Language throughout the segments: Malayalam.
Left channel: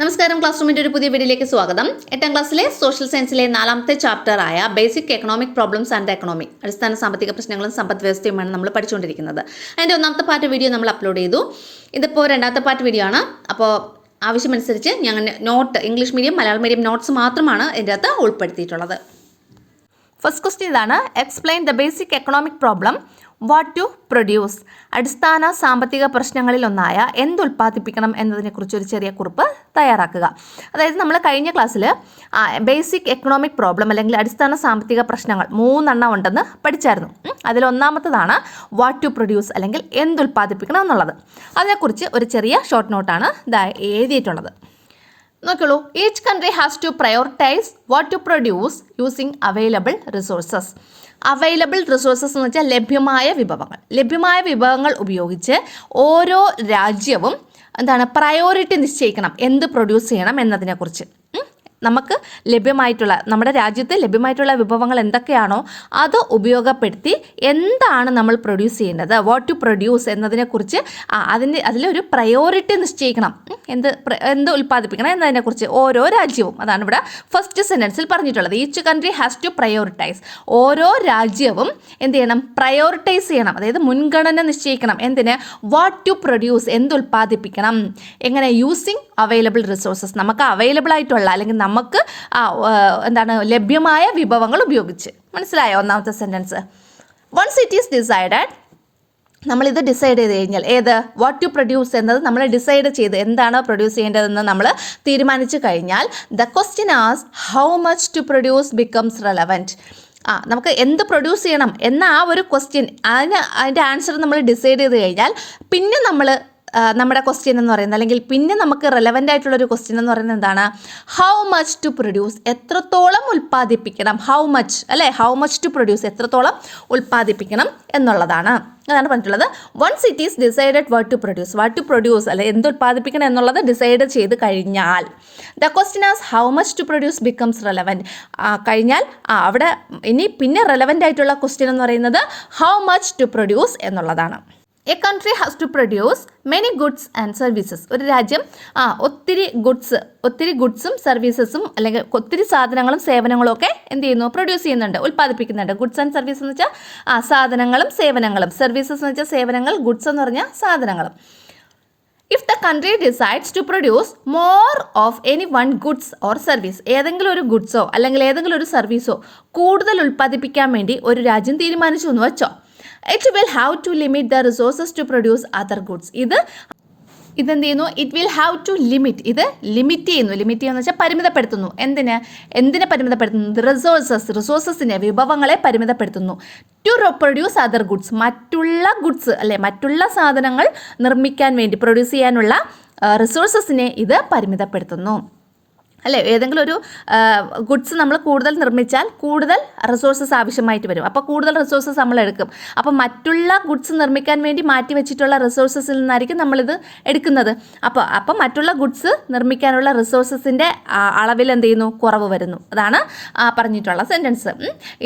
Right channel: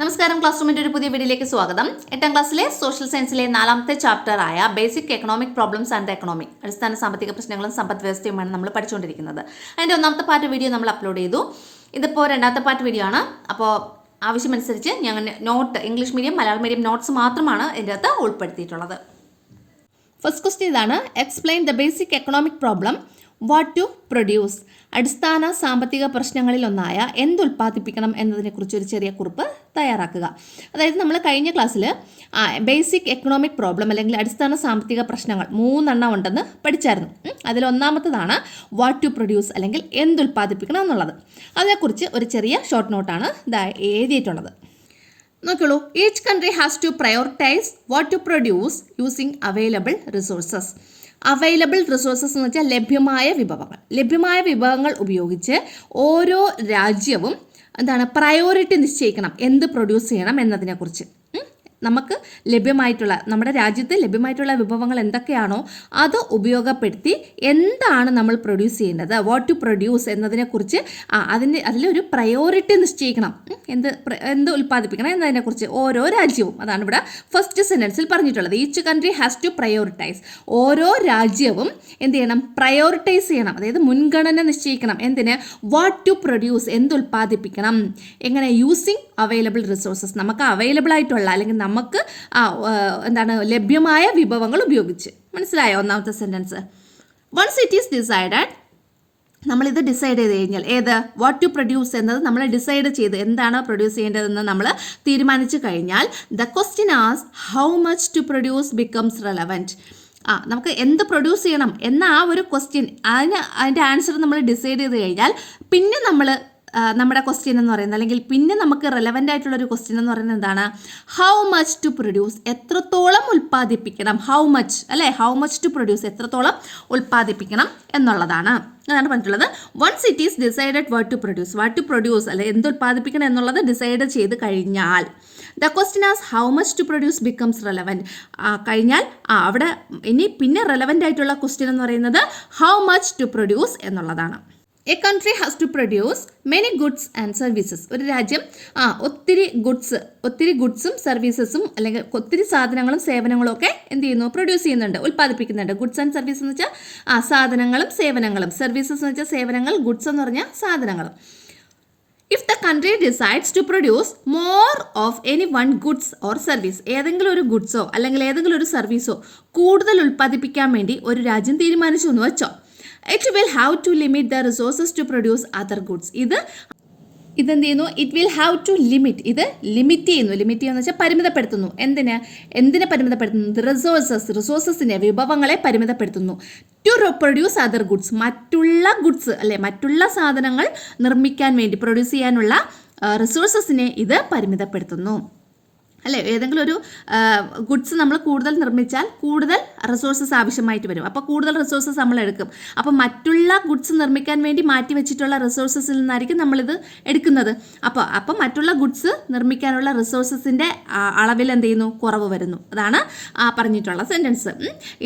നമസ്കാരം. ക്ലാസ് റൂമിൻ്റെ ഒരു പുതിയ വീഡിയോയിലേക്ക് സ്വാഗതം. 8ാം ക്ലാസ്സിലെ സോഷ്യൽ സയൻസിലെ 4ാമത്തെ ചാപ്റ്ററായ basic economic problems and economy, അടിസ്ഥാന സാമ്പത്തിക പ്രശ്നങ്ങളും സമ്പദ് വ്യവസ്ഥയുമാണ് നമ്മൾ പഠിച്ചുകൊണ്ടിരിക്കുന്നത്. അതിൻ്റെ 1ാമത്തെ പാർട്ട് വീഡിയോ നമ്മൾ അപ്ലോഡ് ചെയ്തു. ഇതിപ്പോൾ 2ാമത്തെ പാർട്ട് വീഡിയോ ആണ്. അപ്പോൾ ആവശ്യമനുസരിച്ച് ഞങ്ങൾ English medium Malayalam medium notes മാത്രമാണ് ഇതിൻ്റെ അകത്ത് ഉൾപ്പെടുത്തിയിട്ടുള്ളത്. ഫസ്റ്റ് ക്വസ്റ്റ്യൻ ഇതാണ്: explain the basic economic problem what to produce. അടിസ്ഥാന സാമ്പത്തിക പ്രശ്നങ്ങളിലൊന്നായ എന്തുൽപ്പാദിപ്പിക്കണം എന്നതിനെക്കുറിച്ച് ഒരു ചെറിയ കുറിപ്പ് തയ്യാറാക്കുക. അതായത് നമ്മൾ കഴിഞ്ഞ ക്ലാസ്സിൽ ബേസിക് എക്കണോമിക് പ്രോബ്ലം അല്ലെങ്കിൽ അടിസ്ഥാന സാമ്പത്തിക പ്രശ്നങ്ങൾ 3 ഉണ്ടെന്ന് പഠിച്ചായിരുന്നു. അതിലൊന്നാമത്തതാണ് വാട്ട് ടു പ്രൊഡ്യൂസ് അല്ലെങ്കിൽ എന്തുൽപ്പാദിപ്പിക്കണം എന്നുള്ളത്. അതിനെക്കുറിച്ച് ഒരു ചെറിയ ഷോർട്ട് നോട്ടാണ് എഴുതിയിട്ടുള്ളത്. നോക്കിയുള്ളൂ. Each country has to prioritise what to produce using available resources. Available resources എന്ന് വെച്ചാൽ ലഭ്യമായ വിഭവങ്ങൾ ഉപയോഗിച്ച് ഓരോ രാജ്യവും പ്രയോറിറ്റി നിശ്ചയിക്കണം, എന്ത് പ്രൊഡ്യൂസ് ചെയ്യണം എന്നതിനെക്കുറിച്ച്. നമുക്ക് നമ്മുടെ രാജ്യത്ത് ലഭ്യമായിട്ടുള്ള വിഭവങ്ങൾ എന്തൊക്കെയാണോ അത് ഉപയോഗപ്പെടുത്തി എന്താണ് നമ്മൾ പ്രൊഡ്യൂസ് ചെയ്യേണ്ടത്, വാട്ട് ടു പ്രൊഡ്യൂസ് എന്നതിനെക്കുറിച്ച് അതിലൊരു പ്രയോറിറ്റി നിശ്ചയിക്കണം, എന്ത് ഉൽപ്പാദിപ്പിക്കണം എന്നതിനെക്കുറിച്ച് ഓരോ രാജ്യവും. അതാണ് ഇവിടെ ഫസ്റ്റ് സെൻറ്റൻസിൽ പറഞ്ഞിട്ടുള്ളത്. Each country has to prioritise. ഓരോ രാജ്യവും എന്ത് ചെയ്യണം? പ്രയോറിറ്റൈസ് ചെയ്യണം, അതായത് മുൻഗണന നിശ്ചയിക്കണം. എന്തിന്? വാട്ട് ടു പ്രൊഡ്യൂസ്, എന്ത് ഉൽപ്പാദിപ്പിക്കണം. എങ്ങനെ? Using available resources. നമുക്ക് അവൈലബിൾ ആയിട്ടുള്ള അല്ലെങ്കിൽ നമുക്ക് ലഭ്യമായ വിഭവങ്ങൾ ഉപയോഗിച്ച്. മനസ്സിലായോ ഒന്നാമത്തെ sentence? Once it is decided, നമ്മളിത് ഡിസൈഡ് ചെയ്ത് കഴിഞ്ഞാൽ വാട്ട് ടു പ്രൊഡ്യൂസ് എന്നത് നമ്മൾ ഡിസൈഡ് ചെയ്ത് എന്താണ് പ്രൊഡ്യൂസ് ചെയ്യേണ്ടതെന്ന് നമ്മൾ തീരുമാനിച്ചു കഴിഞ്ഞാൽ the question as how much to produce becomes relevant. നമുക്ക് എന്ത് പ്രൊഡ്യൂസ് ചെയ്യണം എന്ന ആ ഒരു ക്വസ്റ്റ്യൻ, അതിൻ്റെ ആൻസർ നമ്മൾ ഡിസൈഡ് ചെയ്ത് കഴിഞ്ഞാൽ പിന്നെ നമ്മുടെ ക്വസ്റ്റ്യൻ എന്ന് പറയുന്നത്, അല്ലെങ്കിൽ പിന്നെ നമുക്ക് റെലവൻ്റ് ആയിട്ടുള്ളൊരു ക്വസ്റ്റ്യൻ എന്ന് പറയുന്നത് എന്താണ്? ഹൗ മച്ച് ടു പ്രൊഡ്യൂസ്, എത്രത്തോളം ഉൽപ്പാദിപ്പിക്കണം. ഹൗ മച്ച് ടു പ്രൊഡ്യൂസ്, എത്രത്തോളം ഉൽപ്പാദിപ്പിക്കണം എന്നുള്ളതാണ്. അതാണ് പറഞ്ഞിട്ടുള്ളത്. Once it is decided what to produce അല്ലെ എന്ത് ഉൽപ്പാദിപ്പിക്കണം എന്നുള്ളത് ഡിസൈഡ് ചെയ്ത് കഴിഞ്ഞാൽ the question as how much to produce becomes relevant. കഴിഞ്ഞാൽ അവിടെ പിന്നെ റെലവൻ്റ് ആയിട്ടുള്ള ക്വസ്റ്റ്യൻ എന്ന് പറയുന്നത് ഹൗ മച്ച് ടു പ്രൊഡ്യൂസ് എന്നുള്ളതാണ്. A country has to produce many goods and services. ഒരു രാജ്യം ഒത്തിരി ഗുഡ്സും സർവീസസും അല്ലെങ്കിൽ ഒത്തിരി സാധനങ്ങളും സേവനങ്ങളും ഒക്കെ എന്ത് ചെയ്യുന്നു? പ്രൊഡ്യൂസ് ചെയ്യുന്നുണ്ട്, ഉൽപ്പാദിപ്പിക്കുന്നുണ്ട്. ഗുഡ്സ് ആൻഡ് സർവീസ് എന്ന് വെച്ചാൽ സാധനങ്ങളും സേവനങ്ങളും, സർവീസസ് എന്ന് വെച്ചാൽ സേവനങ്ങൾ, ഗുഡ്സ് എന്ന് പറഞ്ഞാൽ സാധനങ്ങളും. If the country decides to produce more of any one goods or service, ഏതെങ്കിലും ഒരു ഗുഡ്സോ അല്ലെങ്കിൽ ഏതെങ്കിലും ഒരു സർവീസോ കൂടുതൽ ഉൽപ്പാദിപ്പിക്കാൻ വേണ്ടി ഒരു രാജ്യം തീരുമാനിച്ചു എന്ന് വെച്ചോ, it will have to limit the resources to produce other goods. ഇതെന്ത് ചെയ്യുന്നു? It will have to limit. ഇത് ലിമിറ്റ് ചെയ്യുന്നു വെച്ചാൽ പരിമിതപ്പെടുത്തുന്നു. എന്തിനെ പരിമിതപ്പെടുത്തുന്നു? റിസോഴ്സസിനെ, വിഭവങ്ങളെ പരിമിതപ്പെടുത്തുന്നു. ടു പ്രൊഡ്യൂസ് അതർ ഗുഡ്സ്, മറ്റുള്ള സാധനങ്ങൾ നിർമ്മിക്കാൻ വേണ്ടി പ്രൊഡ്യൂസ് ചെയ്യാനുള്ള റിസോഴ്സസിനെ ഇത് പരിമിതപ്പെടുത്തുന്നു. ഏതെങ്കിലും ഒരു ഗുഡ്സ് നമ്മൾ കൂടുതൽ നിർമ്മിച്ചാൽ കൂടുതൽ റിസോഴ്സസ് ആവശ്യമായിട്ട് വരും. അപ്പോൾ കൂടുതൽ റിസോഴ്സസ് നമ്മൾ എടുക്കും. അപ്പോൾ മറ്റുള്ള ഗുഡ്സ് നിർമ്മിക്കാൻ വേണ്ടി മാറ്റി വെച്ചിട്ടുള്ള റിസോഴ്സസിൽ നിന്നായിരിക്കും നമ്മളിത് എടുക്കുന്നത്. അപ്പോൾ മറ്റുള്ള ഗുഡ്സ് നിർമ്മിക്കാനുള്ള റിസോഴ്സസിൻ്റെ അളവിൽ എന്ത് ചെയ്യുന്നു? കുറവ് വരുന്നു. അതാണ് പറഞ്ഞിട്ടുള്ള sentence.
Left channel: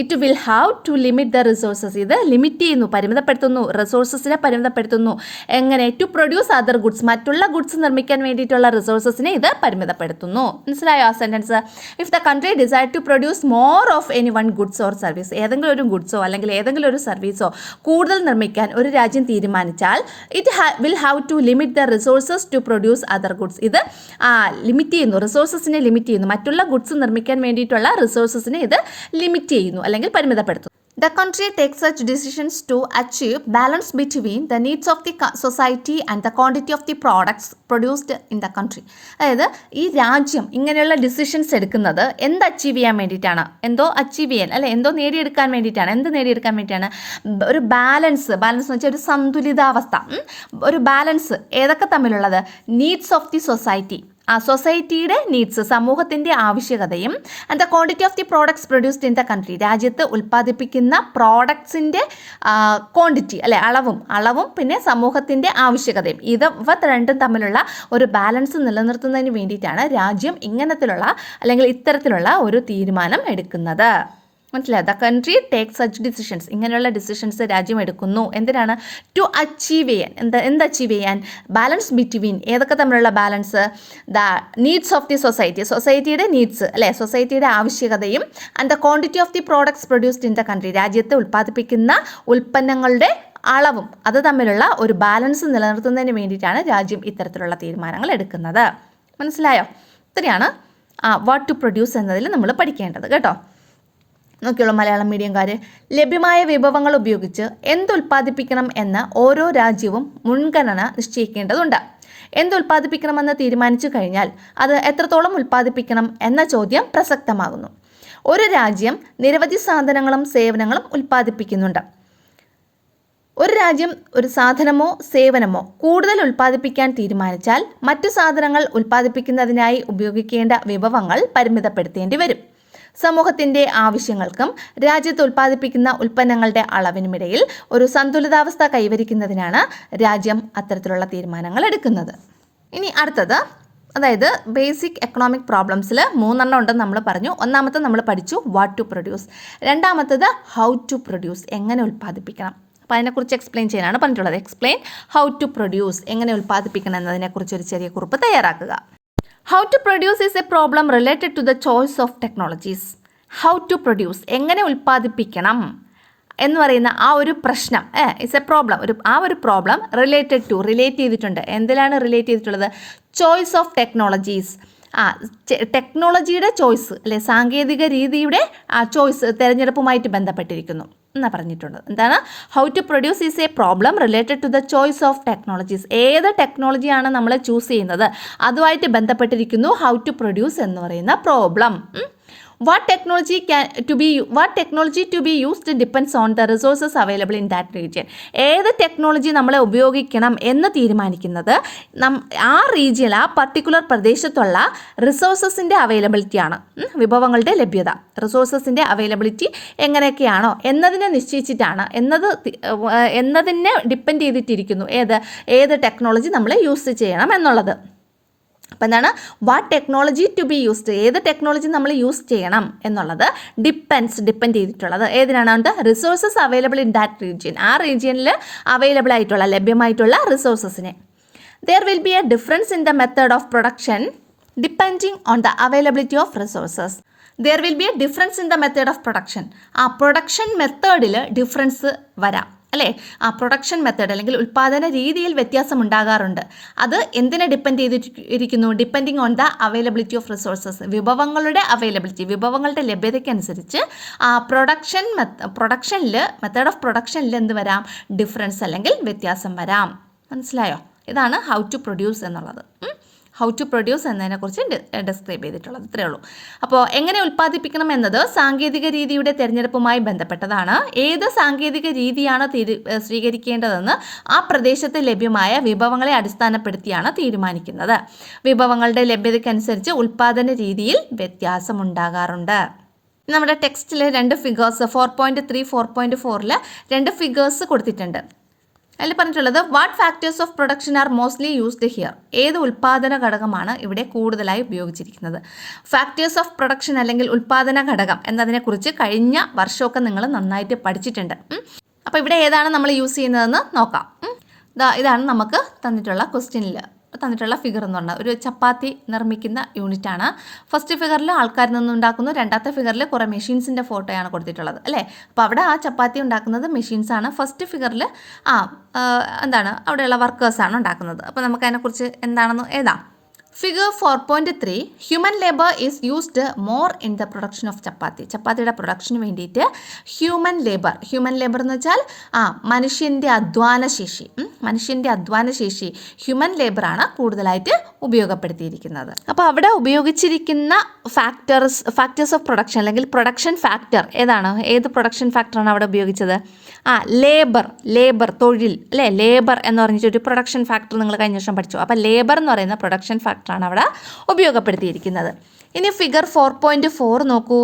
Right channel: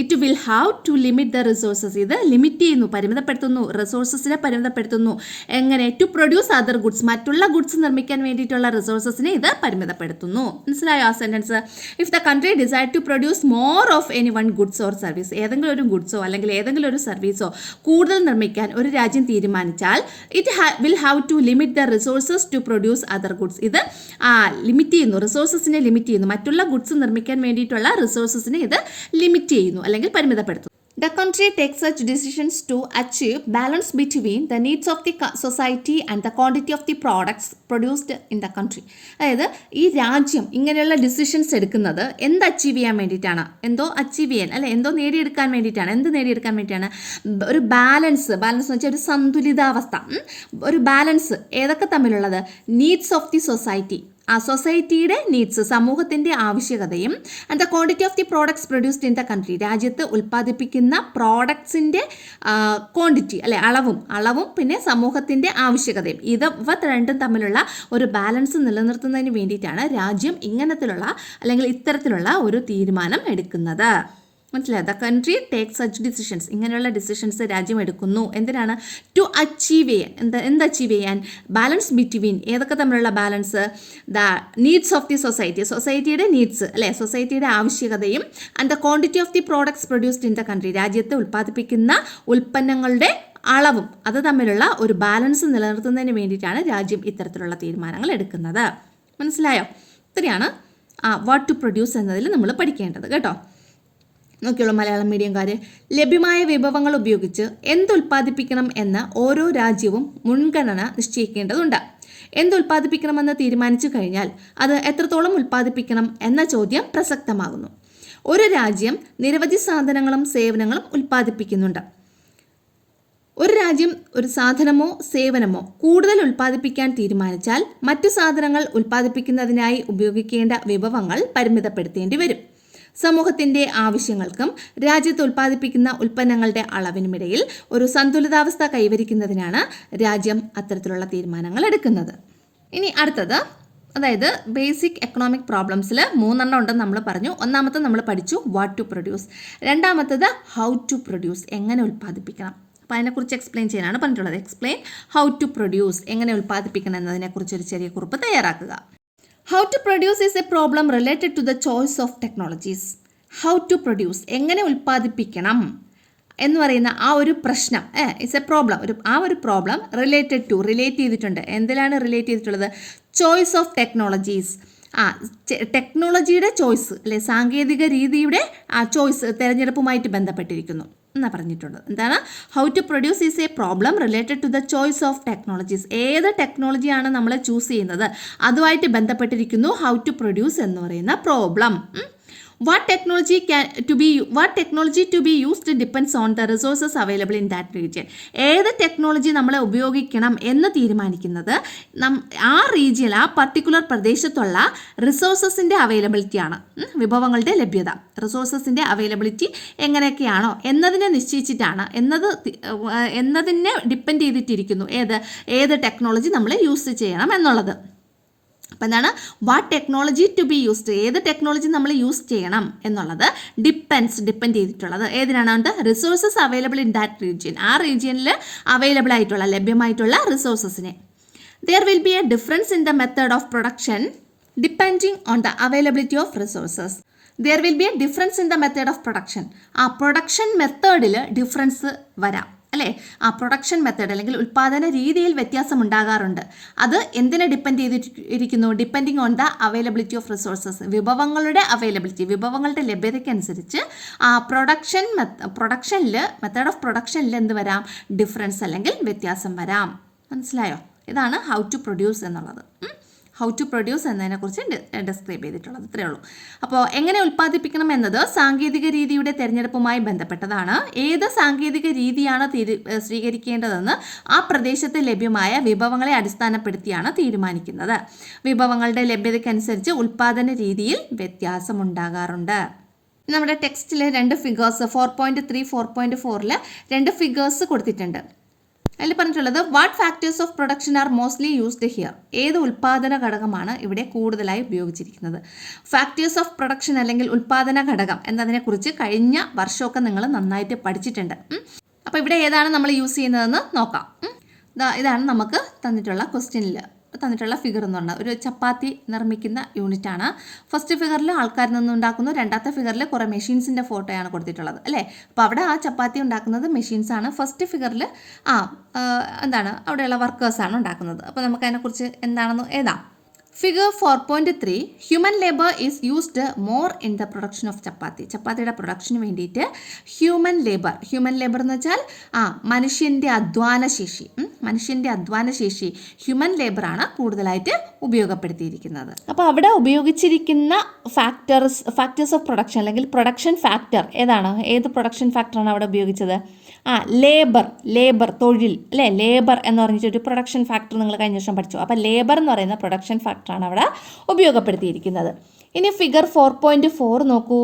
It will have to limit the resources. ഇത് ലിമിറ്റ് ചെയ്യുന്നു, പരിമിതപ്പെടുത്തുന്നു, റിസോഴ്സസിനെ പരിമിതപ്പെടുത്തുന്നു. എങ്ങനെ? ടു പ്രൊഡ്യൂസ് അതർ ഗുഡ്സ്, മറ്റുള്ള ഗുഡ്സ് നിർമ്മിക്കാൻ വേണ്ടിയിട്ടുള്ള റിസോഴ്സസിനെ ഇത് പരിമിതപ്പെടുത്തുന്നു. മനസ്സിലായോ ആ sentence? If the country decide to produce more of any one goods or service, ഏതെങ്കിലും ഒരു ഗുഡ്സോ അല്ലെങ്കിൽ ഏതെങ്കിലും ഒരു സർവീസോ കൂടുതൽ നിർമ്മിക്കാൻ ഒരു രാജ്യം തീരുമാനിച്ചാൽ it will have to limit the resources to produce other goods. ഇത് ലിമിറ്റ് ചെയ്യുന്നു, റിസോഴ്സസിനെ ലിമിറ്റ് ചെയ്യുന്നു. മറ്റുള്ള ഗുഡ്സ് നിർമ്മിക്കാൻ വേണ്ടിയിട്ടുള്ള റിസോഴ്സസിനെ ഇത് ലിമിറ്റ് ചെയ്യുന്നു അല്ലെങ്കിൽ പരിമിതപ്പെടുത്തുന്നു. The country takes such decisions to achieve balance between the needs of the society and the quantity of the products produced in the country. അതായത് ഈ രാജ്യം ഇങ്ങനെയുള്ള ഡിസിഷൻസ് എടുക്കുന്നത് എന്ത് അച്ചീവ് ചെയ്യാൻ വേണ്ടിയിട്ടാണ്? എന്തോ നേടിയെടുക്കാൻ വേണ്ടിയിട്ടാണ്. ഒരു ബാലൻസ് എന്ന് വെച്ചാൽ ഒരു സന്തുലിതാവസ്ഥ, ഒരു ബാലൻസ് ഏതൊക്കെ തമ്മിലുള്ളത്? നീഡ്സ് ഓഫ് ദി സൊസൈറ്റി, സൊസൈറ്റിയുടെ നീഡ്സ്, സമൂഹത്തിൻ്റെ ആവശ്യകതയും, and the quantity of the products produced in the country, രാജ്യത്ത് ഉൽപ്പാദിപ്പിക്കുന്ന പ്രോഡക്ട്സിൻ്റെ ക്വാണ്ടിറ്റി അളവും പിന്നെ സമൂഹത്തിൻ്റെ ആവശ്യകതയും, ഇവ രണ്ടും തമ്മിലുള്ള ഒരു ബാലൻസ് നിലനിർത്തുന്നതിന് വേണ്ടിയിട്ടാണ് രാജ്യം ഇത്തരത്തിലുള്ള ഒരു തീരുമാനം എടുക്കുന്നത്. മനസ്സിലായി. The country take such decisions, ഇങ്ങനെയുള്ള ഡിസിഷൻസ് രാജ്യം എടുക്കുന്നു. എന്തിനാണ്? ടു അച്ചീവ് ചെയ്യാൻ. എന്ത് അച്ചീവ് ചെയ്യാൻ? ബാലൻസ് ബിറ്റ്വീൻ, ഏതൊക്കെ തമ്മിലുള്ള balance? The needs of the society, സൊസൈറ്റിയുടെ നീഡ്സ് അല്ലേ, സൊസൈറ്റിയുടെ ആവശ്യകതയും and the quantity of the products produced in the country, രാജ്യത്ത് ഉൽപ്പാദിപ്പിക്കുന്ന ഉൽപ്പന്നങ്ങളുടെ അളവും അത് തമ്മിലുള്ള ഒരു ബാലൻസ് നിലനിർത്തുന്നതിന് വേണ്ടിയിട്ടാണ് രാജ്യം ഇത്തരത്തിലുള്ള തീരുമാനങ്ങൾ എടുക്കുന്നത്. മനസ്സിലായോ? ഇത്രയാണ് വാട്ട് ടു പ്രൊഡ്യൂസ് എന്നതിൽ നമ്മൾ പഠിക്കേണ്ടത് കേട്ടോ. നോക്കിയുള്ള മലയാളം മീഡിയംകാർ, ലഭ്യമായ വിഭവങ്ങൾ ഉപയോഗിച്ച് എന്തുൽപ്പാദിപ്പിക്കണം എന്ന് ഓരോ രാജ്യവും മുൻഗണന നിശ്ചയിക്കേണ്ടതുണ്ട്. എന്തുൽപ്പാദിപ്പിക്കണമെന്ന് തീരുമാനിച്ചു കഴിഞ്ഞാൽ അത് എത്രത്തോളം ഉൽപ്പാദിപ്പിക്കണം എന്ന ചോദ്യം പ്രസക്തമാകുന്നു. ഒരു രാജ്യം നിരവധി സാധനങ്ങളും സേവനങ്ങളും ഉൽപ്പാദിപ്പിക്കുന്നുണ്ട്. ഒരു രാജ്യം ഒരു സാധനമോ സേവനമോ കൂടുതൽ ഉൽപ്പാദിപ്പിക്കാൻ തീരുമാനിച്ചാൽ മറ്റു സാധനങ്ങൾ ഉൽപ്പാദിപ്പിക്കുന്നതിനായി ഉപയോഗിക്കേണ്ട വിഭവങ്ങൾ പരിമിതപ്പെടുത്തേണ്ടി വരും. സമൂഹത്തിൻ്റെ ആവശ്യങ്ങൾക്കും രാജ്യത്ത് ഉൽപ്പാദിപ്പിക്കുന്ന ഉൽപ്പന്നങ്ങളുടെ അളവിനുമിടയിൽ ഒരു സന്തുലിതാവസ്ഥ കൈവരിക്കുന്നതിനാണ് രാജ്യം അത്തരത്തിലുള്ള തീരുമാനങ്ങൾ എടുക്കുന്നത്. ഇനി അടുത്തത്, അതായത് ബേസിക് എക്കണോമിക് പ്രോബ്ലംസിൽ 3 ഉണ്ടെന്ന് നമ്മൾ പറഞ്ഞു. ഒന്നാമത്തെ നമ്മൾ പഠിച്ചു വാട്ട് ടു പ്രൊഡ്യൂസ്, രണ്ടാമത്തത് ഹൗ ടു പ്രൊഡ്യൂസ്, എങ്ങനെ ഉൽപ്പാദിപ്പിക്കണം. അപ്പോൾ അതിനെക്കുറിച്ച് എക്സ്പ്ലെയിൻ ചെയ്യാനാണ് പറഞ്ഞിട്ടുള്ളത്. എക്സ്പ്ലെയിൻ ഹൗ ടു പ്രൊഡ്യൂസ്, എങ്ങനെ ഉൽപ്പാദിപ്പിക്കണം എന്നതിനെക്കുറിച്ച് ഒരു ചെറിയ കുറിപ്പ് തയ്യാറാക്കുക. How to produce is a problem related to the choice of technologies. How to produce, എങ്ങനെ ഉൽപ്പാദിപ്പിക്കണം എന്ന് പറയുന്ന ആ ഒരു പ്രശ്നം ഇറ്റ്സ് എ പ്രോബ്ലം, ഒരു പ്രോബ്ലം റിലേറ്റ് ചെയ്തിട്ടുണ്ട്. എന്തിലാണ് റിലേറ്റ് ചെയ്തിട്ടുള്ളത്? ചോയ്സ് ഓഫ് ടെക്നോളജീസ്, ടെക്നോളജിയുടെ ചോയ്സ് അല്ലെ, സാങ്കേതിക രീതിയുടെ ചോയ്സ്, തിരഞ്ഞെടുപ്പുമായിട്ട് ബന്ധപ്പെട്ടിരിക്കുന്നു എന്നാണ് പറഞ്ഞിട്ടുള്ളത്. എന്താണ്? How to produce is a problem related to the choice of technologies. ഏത് ടെക്നോളജിയാണ് നമ്മൾ ചൂസ് ചെയ്യുന്നത് അതുമായിട്ട് ബന്ധപ്പെട്ടിരിക്കുന്നു ഹൗ ടു പ്രൊഡ്യൂസ് എന്ന് പറയുന്ന problem. What technology to be used depends on the resources available in that region. ഏത് ടെക്നോളജി നമ്മളെ ഉപയോഗിക്കണം എന്ന് തീരുമാനിക്കുന്നത് ആ റീജിയൻ, ആ പർട്ടിക്കുലർ പ്രദേശത്തുള്ള റിസോഴ്സസിൻ്റെ അവൈലബിലിറ്റിയാണ്. വിഭവങ്ങളുടെ ലഭ്യത, റിസോഴ്സസിൻ്റെ അവൈലബിലിറ്റി എങ്ങനെയൊക്കെയാണോ എന്നതിനെ നിശ്ചയിച്ചിട്ടാണ്, എന്നതിനെ ഡിപ്പെൻഡ് ചെയ്തിട്ടിരിക്കുന്നു ഏത് ടെക്നോളജി നമ്മൾ യൂസ് ചെയ്യണം എന്നുള്ളത്. അപ്പോൾ എന്താണ്? What technology to be used, ഏത് ടെക്നോളജി നമ്മൾ യൂസ് ചെയ്യണം എന്നുള്ളത് ഡിപ്പെൻഡ് ചെയ്തിട്ടുള്ളത് ഏതിനാണ്? Resources available in that region, ആ റീജിയനിൽ അവൈലബിൾ ആയിട്ടുള്ള, ലഭ്യമായിട്ടുള്ള റിസോഴ്സസിനെ. There will be a difference in the method of production depending on the availability of resources. There will be a difference in the method of production, ആ പ്രൊഡക്ഷൻ മെത്തേഡിൽ ഡിഫറൻസ് വരാം അല്ലേ. ആ പ്രൊഡക്ഷൻ മെത്തേഡ് അല്ലെങ്കിൽ ഉൽപ്പാദന രീതിയിൽ വ്യത്യാസം ഉണ്ടാകാറുണ്ട്. അത് എന്തിനെ ഡിപ്പെൻഡ് ചെയ്തിരിക്കുന്നു? Depending on the availability of resources, വിഭവങ്ങളുടെ അവൈലബിലിറ്റി, വിഭവങ്ങളുടെ ലഭ്യതയ്ക്കനുസരിച്ച് ആ മെത്തേഡ് ഓഫ് പ്രൊഡക്ഷനിൽ എന്ത് വരാം? ഡിഫറൻസ് അല്ലെങ്കിൽ വ്യത്യാസം വരാം. മനസ്സിലായോ? ഇതാണ് ഹൗ ടു പ്രൊഡ്യൂസ് എന്നുള്ളത്. ഹൗ ടു പ്രൊഡ്യൂസ് എന്നതിനെക്കുറിച്ച് ഡിസ്ക്രൈബ് ചെയ്തിട്ടുള്ളത് ഇത്രയേ ഉള്ളൂ. അപ്പോൾ എങ്ങനെ ഉൽപ്പാദിപ്പിക്കണം എന്നത് സാങ്കേതിക രീതിയുടെ തിരഞ്ഞെടുപ്പുമായി ബന്ധപ്പെട്ടതാണ്. ഏത് സാങ്കേതിക രീതിയാണ് സ്വീകരിക്കേണ്ടതെന്ന് ആ പ്രദേശത്ത് ലഭ്യമായ വിഭവങ്ങളെ അടിസ്ഥാനപ്പെടുത്തിയാണ് തീരുമാനിക്കുന്നത്. വിഭവങ്ങളുടെ ലഭ്യതയ്ക്കനുസരിച്ച് ഉൽപ്പാദന രീതിയിൽ വ്യത്യാസമുണ്ടാകാറുണ്ട്. നമ്മുടെ ടെക്സ്റ്റിൽ 2 ഫിഗേഴ്സ് 4.3, 4.4 2 ഫിഗേഴ്സ് കൊടുത്തിട്ടുണ്ട്. അതിൽ പറഞ്ഞിട്ടുള്ളത് what factors of production R mostly used here, ഏത് ഉൽപ്പാദന ഘടകമാണ് ഇവിടെ കൂടുതലായി ഉപയോഗിച്ചിരിക്കുന്നത്. ഫാക്ടേഴ്സ് ഓഫ് പ്രൊഡക്ഷൻ അല്ലെങ്കിൽ ഉൽപ്പാദന ഘടകം എന്നതിനെക്കുറിച്ച് കഴിഞ്ഞ വർഷമൊക്കെ നിങ്ങൾ നന്നായിട്ട് പഠിച്ചിട്ടുണ്ട്. അപ്പോൾ ഇവിടെ ഏതാണ് നമ്മൾ യൂസ് ചെയ്യുന്നതെന്ന് നോക്കാം. ഇതാണ് നമുക്ക് തന്നിട്ടുള്ള ക്വസ്റ്റ്യനിൽ തന്നിട്ടുള്ള ഫിഗർ എന്ന് പറഞ്ഞാൽ ഒരു ചപ്പാത്തി നിർമ്മിക്കുന്ന യൂണിറ്റാണ്. ഫസ്റ്റ് ഫിഗറിൽ ആൾക്കാരിൽ നിന്നുണ്ടാക്കുന്നു, രണ്ടാമത്തെ ഫിഗറിൽ കുറേ മെഷീൻസിൻ്റെ ഫോട്ടോയാണ് കൊടുത്തിട്ടുള്ളത് അല്ലേ. അപ്പോൾ അവിടെ ആ ചപ്പാത്തി ഉണ്ടാക്കുന്നത് മെഷീൻസാണ്. ഫസ്റ്റ് ഫിഗറിൽ അവിടെയുള്ള വർക്കേഴ്സാണ് ഉണ്ടാക്കുന്നത്. അപ്പോൾ നമുക്ക് അതിനെക്കുറിച്ച് എന്താണെന്ന് എഴുതാം. Figure 4.3 human labour is used more in the production of chapati. ചപ്പാത്തിയുടെ പ്രൊഡക്ഷന് വേണ്ടിയിട്ട് ഹ്യൂമൻ ലേബർ എന്ന് വെച്ചാൽ മനുഷ്യൻ്റെ അധ്വാനശേഷി ഹ്യൂമൻ ലേബറാണ് കൂടുതലായിട്ട് ഉപയോഗപ്പെടുത്തിയിരിക്കുന്നത്. അപ്പോൾ അവിടെ ഉപയോഗിച്ചിരിക്കുന്ന ഫാക്ടേഴ്സ് ഓഫ് പ്രൊഡക്ഷൻ അല്ലെങ്കിൽ പ്രൊഡക്ഷൻ ഫാക്ടർ ഏത് പ്രൊഡക്ഷൻ ഫാക്ടറാണ് അവിടെ ഉപയോഗിച്ചത്? ലേബർ തൊഴിൽ അല്ലേ. ലേബർ എന്ന് പറഞ്ഞിട്ടൊരു പ്രൊഡക്ഷൻ ഫാക്ടർ നിങ്ങൾ കഴിഞ്ഞ വർഷം പഠിച്ചു. അപ്പോൾ ലേബർ എന്ന് പറയുന്ന പ്രൊഡക്ഷൻ ഫാക്ടറാണ് അവിടെ ഉപയോഗപ്പെടുത്തിയിരിക്കുന്നത്. ഇനി ഫിഗർ 4.4 നോക്കൂ.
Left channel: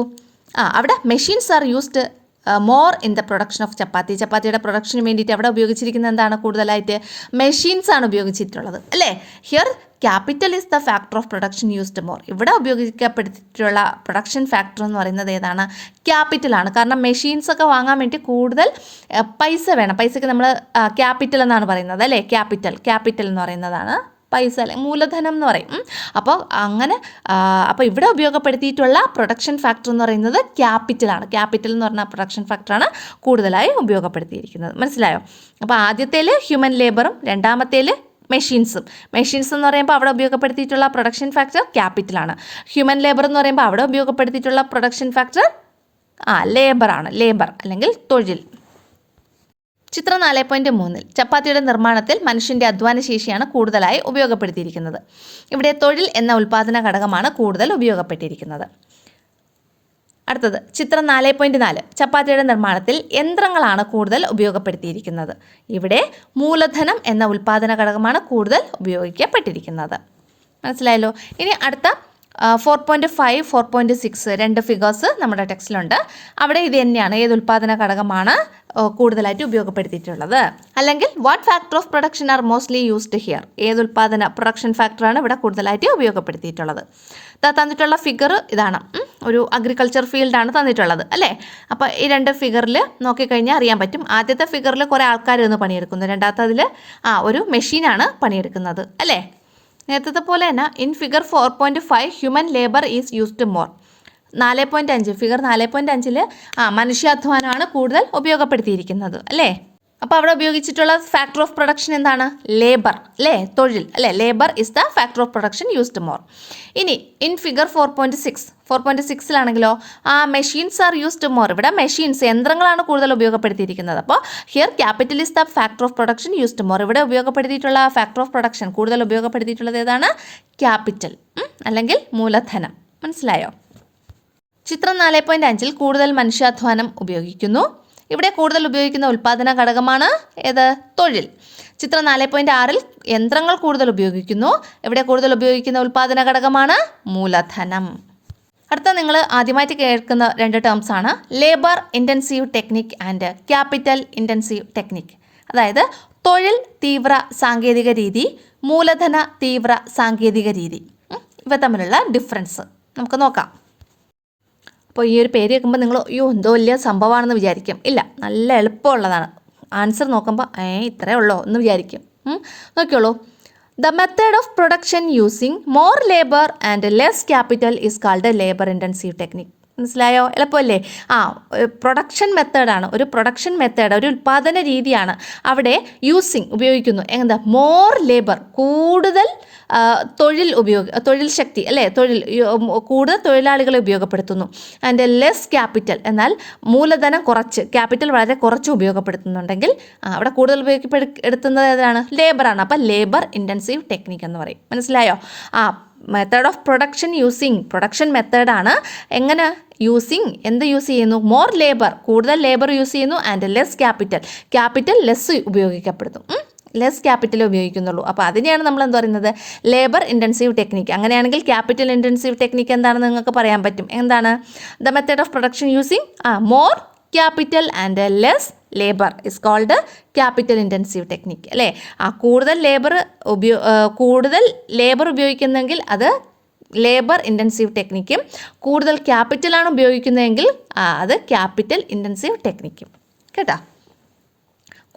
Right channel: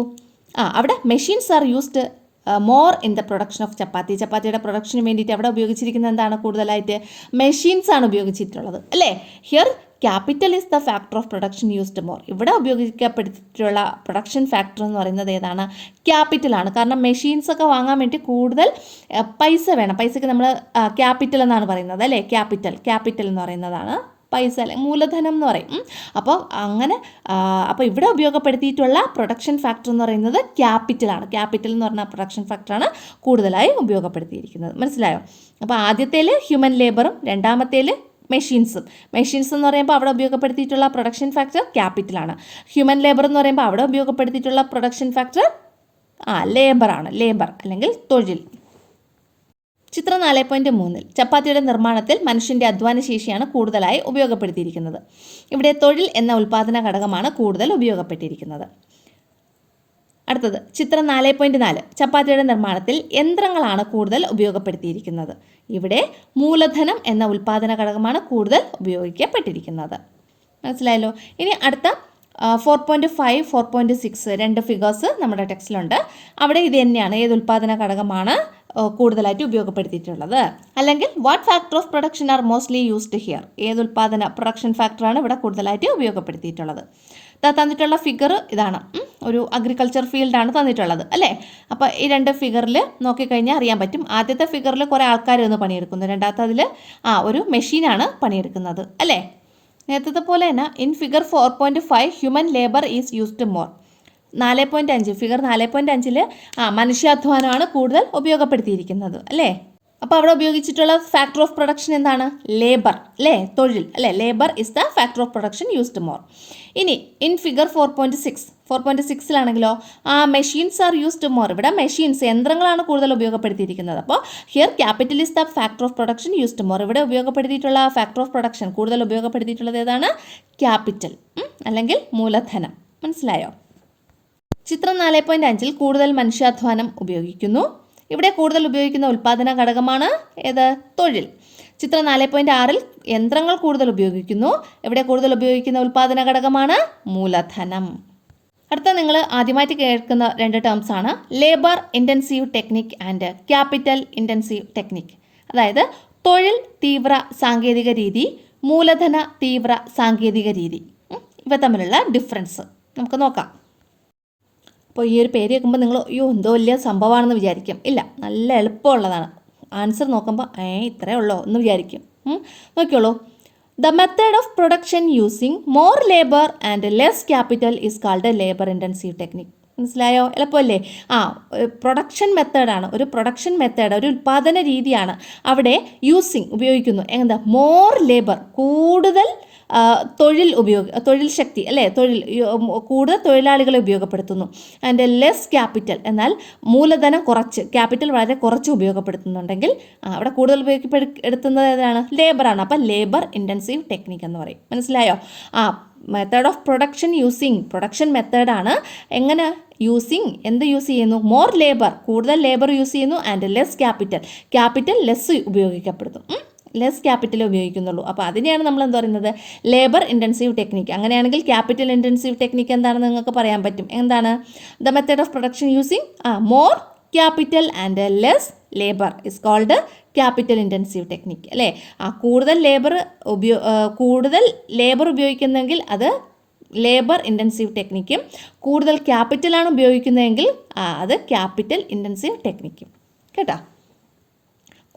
അവിടെ machines are used more in the production of ചപ്പാത്തിയുടെ പ്രൊഡക്ഷന് വേണ്ടിയിട്ട് അവിടെ ഉപയോഗിച്ചിരിക്കുന്നത് എന്താണ്? കൂടുതലായിട്ട് മെഷീൻസ് ആണ് ഉപയോഗിച്ചിട്ടുള്ളത് അല്ലേ. Here capital is the factor of production used more. ഇവിടെ ഉപയോഗിക്കപ്പെട്ടിട്ടുള്ള പ്രൊഡക്ഷൻ ഫാക്ടർ എന്ന് പറയുന്നത് ഏതാണ്? ക്യാപിറ്റലാണ്. കാരണം മെഷീൻസ് ഒക്കെ വാങ്ങാൻ വേണ്ടി കൂടുതൽ പൈസ വേണം. പൈസയ്ക്ക് നമ്മൾ ക്യാപിറ്റൽ എന്നാണ് പറയുന്നത് അല്ലേ? ക്യാപിറ്റൽ എന്ന് പറയുന്നതാണ് പൈസ അല്ലെങ്കിൽ മൂലധനം എന്ന് പറയും. അപ്പോൾ ഇവിടെ ഉപയോഗപ്പെടുത്തിയിട്ടുള്ള പ്രൊഡക്ഷൻ ഫാക്ടർ എന്ന് പറയുന്നത് ക്യാപിറ്റലാണ്. ക്യാപിറ്റൽ എന്ന് പറഞ്ഞ പ്രൊഡക്ഷൻ ഫാക്ടറാണ് കൂടുതലായി ഉപയോഗപ്പെടുത്തിയിരിക്കുന്നത്. മനസ്സിലായോ? അപ്പോൾ ആദ്യത്തേൽ ഹ്യൂമൻ ലേബറും രണ്ടാമത്തേൽ മെഷീൻസ് എന്ന് പറയുമ്പോൾ അവിടെ ഉപയോഗപ്പെടുത്തിയിട്ടുള്ള പ്രൊഡക്ഷൻ ഫാക്ടർ ക്യാപിറ്റലാണ്. ഹ്യൂമൻ ലേബർ എന്ന് പറയുമ്പോൾ അവിടെ ഉപയോഗപ്പെടുത്തിയിട്ടുള്ള പ്രൊഡക്ഷൻ ഫാക്ടർ ലേബറാണ്. ലേബർ അല്ലെങ്കിൽ തൊഴിൽ. ചിത്രം 4.3 ചപ്പാത്തിയുടെ നിർമ്മാണത്തിൽ മനുഷ്യൻ്റെ അധ്വാന ശേഷിയാണ് കൂടുതലായി ഉപയോഗപ്പെടുത്തിയിരിക്കുന്നത്. ഇവിടെ തൊഴിൽ എന്ന ഉൽപ്പാദന ഘടകമാണ് കൂടുതൽ ഉപയോഗപ്പെട്ടിരിക്കുന്നത്. അടുത്തത് ചിത്രം 4.4 ചപ്പാത്തിയുടെ നിർമ്മാണത്തിൽ യന്ത്രങ്ങളാണ് കൂടുതൽ ഉപയോഗപ്പെടുത്തിയിരിക്കുന്നത്. ഇവിടെ മൂലധനം എന്ന ഉൽപ്പാദന ഘടകമാണ് കൂടുതൽ ഉപയോഗിക്കപ്പെട്ടിരിക്കുന്നത്. മനസ്സിലായല്ലോ? ഇനി അടുത്ത 4.5, 4.6 രണ്ട് ഫിഗേഴ്സ് നമ്മുടെ ടെക്സ്റ്റിലുണ്ട്. അവിടെ ഇത് തന്നെയാണ് ഏത് ഉൽപ്പാദന ഘടകമാണ് കൂടുതലായിട്ട് ഉപയോഗപ്പെടുത്തിയിട്ടുള്ളത്. അല്ലെങ്കിൽ what factor of production R mostly used here. ഏത് ഉൽപ്പാദന പ്രൊഡക്ഷൻ ഫാക്ടറാണ് ഇവിടെ കൂടുതലായിട്ട് ഉപയോഗപ്പെടുത്തിയിട്ടുള്ളത്. തന്നിട്ടുള്ള ഫിഗർ ഇതാണ്. ഒരു അഗ്രികൾച്ചർ ഫീൽഡാണ് തന്നിട്ടുള്ളത് അല്ലേ? അപ്പോൾ ഈ രണ്ട് ഫിഗറിൽ നോക്കിക്കഴിഞ്ഞാൽ അറിയാൻ പറ്റും. ആദ്യത്തെ ഫിഗറിൽ കുറേ ആൾക്കാർ നിന്ന് പണിയെടുക്കുന്നു. രണ്ടാമത്തെ അതിൽ ഒരു മെഷീനാണ് പണിയെടുക്കുന്നത് അല്ലേ? നേരത്തെ പോലെ തന്നെ in figure 4.5 human labour is used more. 4.5 figure 4.5 മനുഷ്യാധ്വാനമാണ് കൂടുതൽ ഉപയോഗപ്പെടുത്തിയിരിക്കുന്നത് അല്ലേ? അപ്പോൾ അവിടെ ഉപയോഗിച്ചിട്ടുള്ള ഫാക്ടർ ഓഫ് പ്രൊഡക്ഷൻ എന്താണ്? ലേബർ അല്ലേ? തൊഴിൽ അല്ലേ? Labour is the factor of production used more. ഇനി ഇൻ ഫിഗർ 4.6ലാണെങ്കിലോ മെഷീൻസ് ആർ യൂസ്ഡ് മോർ. ഇവിടെ മെഷീൻസ് യന്ത്രങ്ങളാണ് കൂടുതൽ ഉപയോഗപ്പെടുത്തിയിരിക്കുന്നത്. അപ്പോൾ here capital is the factor of production used more. ഇവിടെ ഉപയോഗപ്പെടുത്തിയിട്ടുള്ള ഫാക്ടർ ഓഫ് പ്രൊഡക്ഷൻ കൂടുതൽ ഉപയോഗപ്പെടുത്തിയിട്ടുള്ളത് ഏതാണ്? ക്യാപിറ്റൽ അല്ലെങ്കിൽ മൂലധനം. മനസ്സിലായോ? ചിത്രം 4.5 കൂടുതൽ മനുഷ്യാധ്വാനം ഉപയോഗിക്കുന്നു. ഇവിടെ കൂടുതൽ ഉപയോഗിക്കുന്ന ഉൽപ്പാദന ഘടകമാണ് ഏത്? തൊഴിൽ. ചിത്രം 4.6 യന്ത്രങ്ങൾ കൂടുതൽ ഉപയോഗിക്കുന്നു. ഇവിടെ കൂടുതൽ ഉപയോഗിക്കുന്ന ഉൽപ്പാദന ഘടകമാണ് മൂലധനം. അടുത്ത നിങ്ങൾ ആദ്യമായിട്ട് കേൾക്കുന്ന രണ്ട് ടേംസ് ആണ് labour intensive technique and capital intensive technique. അതായത് തൊഴിൽ തീവ്ര സാങ്കേതിക രീതി, മൂലധന തീവ്ര സാങ്കേതിക രീതി. ഇവ തമ്മിലുള്ള ഡിഫറൻസ് നമുക്ക് നോക്കാം. അപ്പോൾ ഈ ഒരു പേര് കേൾക്കുമ്പോൾ നിങ്ങൾ എന്തോ വലിയ സംഭവമാണെന്ന് വിചാരിക്കും. ഇല്ല, നല്ല എളുപ്പമുള്ളതാണ്. ആൻസർ നോക്കുമ്പോൾ ഇത്രയേ ഉള്ളൂ എന്ന് വിചാരിക്കും. നോക്കിയോളൂ. The method of production using more labour and less capital is called labour intensive technique. മനസ്സിലായോ? എളുപ്പമല്ലേ? പ്രൊഡക്ഷൻ മെത്തേഡാണ്. ഒരു പ്രൊഡക്ഷൻ മെത്തേഡ്, ഒരു ഉൽപ്പാദന രീതിയാണ്. അവിടെ ഉപയോഗിക്കുന്നു എന്താ? മോർ ലേബർ, കൂടുതൽ തൊഴിൽ ശക്തി അല്ലേ? കൂടുതൽ തൊഴിലാളികളെ ഉപയോഗപ്പെടുത്തുന്നു. ആൻഡ് ലെസ് ക്യാപിറ്റൽ, എന്നാൽ മൂലധനം കുറച്ച്, ക്യാപിറ്റൽ വളരെ കുറച്ച് ഉപയോഗപ്പെടുത്തുന്നുണ്ടെങ്കിൽ അവിടെ കൂടുതൽ ഉപയോഗപ്പെടുത്തുന്നത് ഏതാണ്? ലേബറാണ്. അപ്പം ലേബർ ഇൻറ്റൻസീവ് ടെക്നിക് എന്ന് പറയും. മനസ്സിലായോ? Method of production using, production മെത്തേഡാണ്. എങ്ങനെ എന്ത് യൂസ് ചെയ്യുന്നു? മോർ ലേബർ, കൂടുതൽ ലേബർ യൂസ് ചെയ്യുന്നു. ആൻഡ് ലെസ് ക്യാപിറ്റൽ ലെസ് ഉപയോഗിക്കപ്പെടുന്നു. ലെസ് ക്യാപിറ്റൽ ഉപയോഗിക്കുന്നുള്ളൂ. അപ്പോൾ അതിനെയാണ് നമ്മൾ എന്താ പറയുന്നത്? Labour intensive technique. അങ്ങനെയാണെങ്കിൽ ക്യാപിറ്റൽ ഇൻറ്റൻസീവ് ടെക്നിക്ക് എന്താണെന്ന് നിങ്ങൾക്ക് പറയാൻ പറ്റും. എന്താണ്? The method of production using more capital and less labour is called capital intensive technique അല്ലേ? കൂടുതൽ ലേബർ ഉപയോഗിക്കുന്നെങ്കിൽ അത് ലേബർ ഇൻറ്റൻസീവ് ടെക്നിക്കും, കൂടുതൽ ക്യാപിറ്റലാണ് ഉപയോഗിക്കുന്നതെങ്കിൽ അത് ക്യാപിറ്റൽ ഇൻറ്റൻസീവ് ടെക്നിക്കും. കേട്ടോ?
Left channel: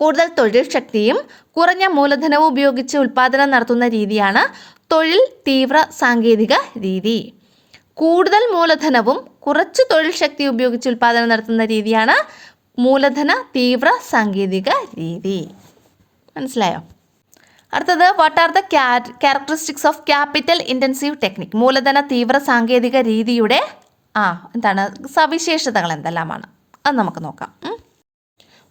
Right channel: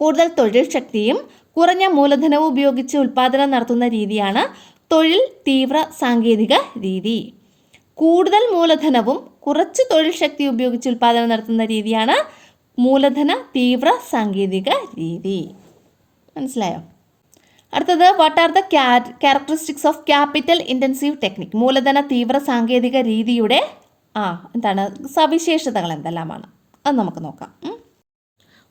കൂടുതൽ തൊഴിൽ ശക്തിയും കുറഞ്ഞ മൂലധനവും ഉപയോഗിച്ച് ഉൽപ്പാദനം നടത്തുന്ന രീതിയാണ് തൊഴിൽ തീവ്ര സാങ്കേതിക രീതി. കൂടുതൽ മൂലധനവും കുറച്ച് തൊഴിൽ ശക്തി ഉപയോഗിച്ച് ഉൽപ്പാദനം നടത്തുന്ന രീതിയാണ് മൂലധന തീവ്ര സാങ്കേതിക രീതി. മനസ്സിലായോ? അടുത്തത് what are the characteristics of capital intensive technique. മൂലധന തീവ്ര സാങ്കേതിക രീതിയുടെ സവിശേഷതകൾ എന്തെല്ലാമാണ് അത് നമുക്ക് നോക്കാം.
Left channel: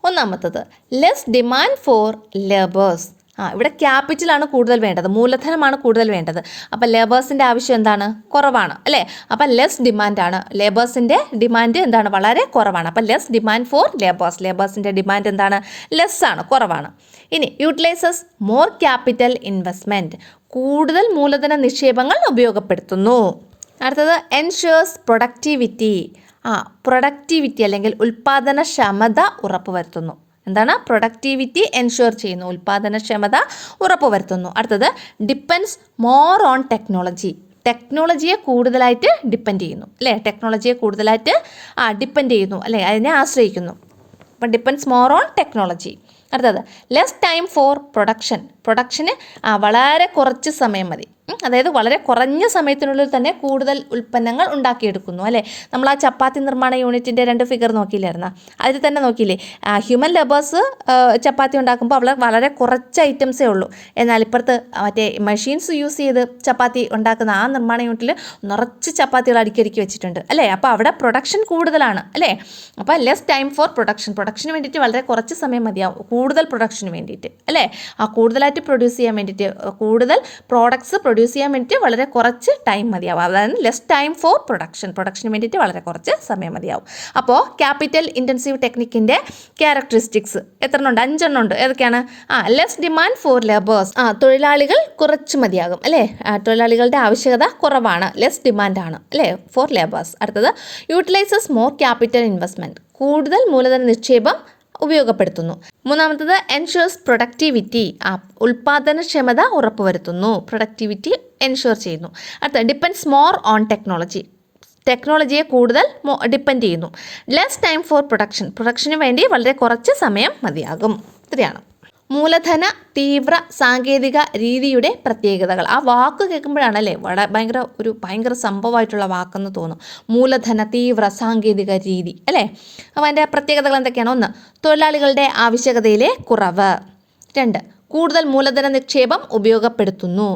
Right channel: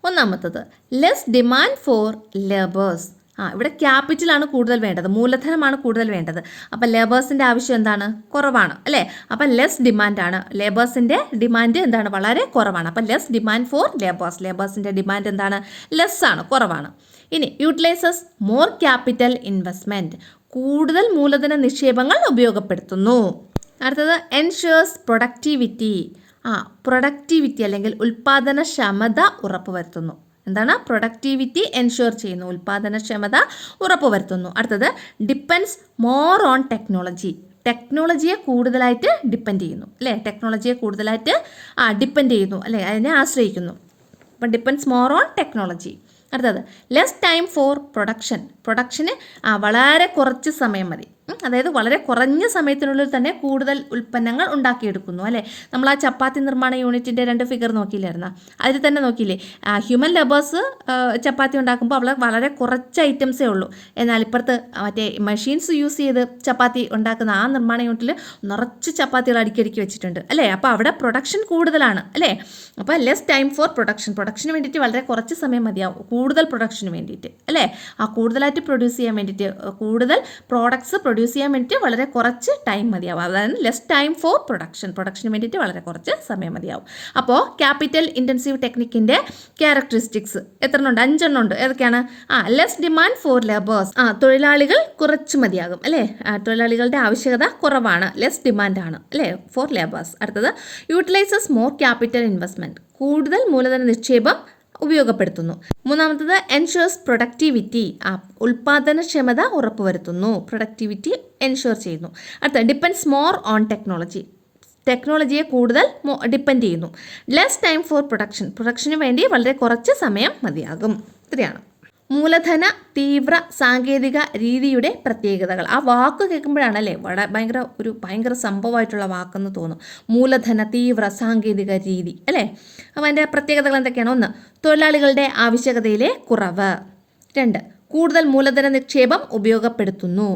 ഒന്നാമത്തത് ലെസ് ഡിമാൻഡ് ഫോർ ലേബേഴ്സ്. ഇവിടെ ക്യാപിറ്റലാണ് കൂടുതൽ വേണ്ടത്, മൂലധനമാണ് കൂടുതൽ വേണ്ടത്. അപ്പം ലേബേഴ്സിൻ്റെ ആവശ്യം എന്താണ്? കുറവാണ് അല്ലേ? അപ്പം ലെസ് ഡിമാൻഡാണ്. ലേബേഴ്സിൻ്റെ ഡിമാൻഡ് എന്താണ്? വളരെ കുറവാണ്. അപ്പം ലെസ് ഡിമാൻഡ് ഫോർ ലേബേഴ്സിൻ്റെ ഡിമാൻഡ് എന്താണ്? ലെസ് ആണ്, കുറവാണ്. ഇനി യൂട്ടിലൈസസ് മോർ ക്യാപിറ്റൽ ഇൻവെസ്റ്റ്മെൻറ്റ്, കൂടുതൽ മൂലധന നിക്ഷേപങ്ങൾ ഉപയോഗപ്പെടുത്തുന്നു. അടുത്തത് എൻഷുവേഴ്സ് പ്രൊഡക്ടിവിറ്റി അല്ലെങ്കിൽ ഉൽപ്പാദനക്ഷമത ഉറപ്പുവരുത്തുന്നു. എന്താണ്? പ്രൊഡക്ടിവിറ്റി എൻഷുർ ചെയ്യുന്നു, ഉൽപ്പാദനക്ഷമത ഉറപ്പുവരുത്തുന്നു. അടുത്തത് ഡിപ്പെൻഡ്സ് മോർ ഓൺ ടെക്നോളജി, ടെക്നോളജിയെ കൂടുതലായിട്ട് ഡിപ്പെൻഡ് ചെയ്യുന്നു അല്ലേ, ടെക്നോളജിയെ കൂടുതലായിട്ട് ഡിപ്പെൻഡ് ചെയ്യുന്നു അല്ലേ, അതിനെ ആശ്രയിക്കുന്നു. അപ്പം ഡിപ്പെൻഡ്സ് മോർ ഓൺ ടെക്നോളജി. അടുത്തത് ലെസ് ടൈം ഫോർ പ്രൊഡക്ഷന് വളരെ കുറച്ച് സമയം മതി, അതായത് വളരെ കുറഞ്ഞ സമയത്തിനുള്ളിൽ തന്നെ കൂടുതൽ ഉൽപ്പന്നങ്ങൾ ഉണ്ടാക്കിയെടുക്കുന്നു അല്ലേ. നമ്മൾ ആ ചപ്പാത്തി നിർമ്മാണ യൂണിറ്റിൻ്റെ 2 ഫിഗർ നോക്കിയില്ലായിരുന്നോ, അതിൽ തന്നെ നോക്കിയില്ലേ, ഹ്യൂമൻ ലേബേഴ്സ് ചപ്പാത്തി ഉണ്ടാക്കുമ്പോൾ അവിടെ വളരെ കുറച്ച് ഐറ്റംസേ ഉള്ളൂ. എന്നാൽ ഇപ്പുറത്ത് മറ്റേ മെഷീൻസ് യൂസ് ചെയ്ത് ചപ്പാത്തി ഉണ്ടാക്കുന്ന ആ നിർമ്മാണ യൂണിറ്റിൽ നിറച്ച് ചപ്പാത്തികൾ അടുക്കി വെച്ചിട്ടുണ്ട് അല്ലേ. അപ്പോൾ അവിടെ പ്രൊഡക്ഷൻ കൂടുതലാണ് അല്ലേ. അപ്പോൾ ലെസ് ടൈം ഫോർ പ്രൊഡക്ഷന് വേണ്ടിയിട്ട് വളരെ കുറച്ച് സമയം മതിയാവും, കൂടുതൽ പ്രൊഡക്ഷന് വേണ്ടിയിട്ട് അല്ലേ. കൂടുതലായിട്ട് പ്രൊഡ്യൂസ് ചെയ്യാൻ വേണ്ടിയിട്ട്, കൂടുതൽ പ്രോഡക്ട്സ് പ്രൊഡ്യൂസ് ചെയ്യാൻ വേണ്ടിയിട്ട് വളരെ കുറച്ച് ടൈം മതിയാവും. അതാണ് ലെസ് ടൈം ഫോർ പ്രൊഡക്ഷന് വേണ്ടിയിട്ട് വളരെ കുറച്ച് സമയം മതിയാവും. അപ്പോൾ ക്യാപിറ്റൽ ഇൻറ്റൻസീവ് ടെക്നിക്കിൻ്റെ ക്യാരക്ടറിസ്റ്റിക്സ് എത്രണ്ണമുണ്ട്? 5 ഉണ്ട്. ഏതൊക്കെയാണ്? ലെസ് ഡിമാൻഡ് ഫോർ ലേബേഴ്സ്, തൊഴിലാളികൾ കുറച്ച് മതിയാകും അല്ലേ, തൊഴിലാളികളുടെ ആവശ്യകത കുറവാണ്, ലെസ് ഡിമാൻഡാണ് അല്ലേ ഫോർ ലേബേഴ്സ്. അടുത്തത് യൂട്ടിലൈസസ് മോർ ക്യാപിറ്റൽ ഇൻവെസ്റ്റ്മെൻറ്റ്, കൂടുതൽ മൂലധന നിക്ഷേപം ഉപയോഗപ്പെടുത്തുന്നു. മൂന്നാമത്തത് എൻഷുവേഴ്സ് പ്രൊഡക്ടിവിറ്റി, ഉൽപ്പാദനക്ഷമത ഉറപ്പുവരുത്തുന്നു, പ്രൊഡക്ടിവിറ്റി എൻഷുർ ചെയ്യുന്നു. അടുത്ത ഡിപ്പെൻഡ്സ് മോർ ഓൺ ടെക്നോളജി, ടെക്നോളജിയെ കൂടുതൽ ഡിപ്പെൻഡ് ചെയ്യുന്നു. ലെസ് ടൈം ഫോർ പ്രൊഡക്ഷന് വേണ്ടി വളരെ കുറച്ച് സമയം മതിയാകും. ഇത്രയാണ് മൂലധന തീവ്ര സാങ്കേതിക രീതിയുടെ പ്രത്യേകതകൾ. ആ വാക്ക് കേൾക്കുമ്പോഴാണല്ലേ ഭയങ്കര സംഭവമായിട്ടുള്ള വാക്കെന്ന് തോന്നും. മൂലധന തീവ്ര സാങ്കേതിക രീതി അല്ലേ. അപ്പോൾ അതിൻ്റെ പ്രത്യേകതകൾ എന്തൊക്കെയാണ്? 1, തൊഴിലാളികളുടെ ആവശ്യകതയിലെ കുറവ്. 2, കൂടുതൽ മൂലധന നിക്ഷേപം ഉപയോഗപ്പെടുത്തുന്നു.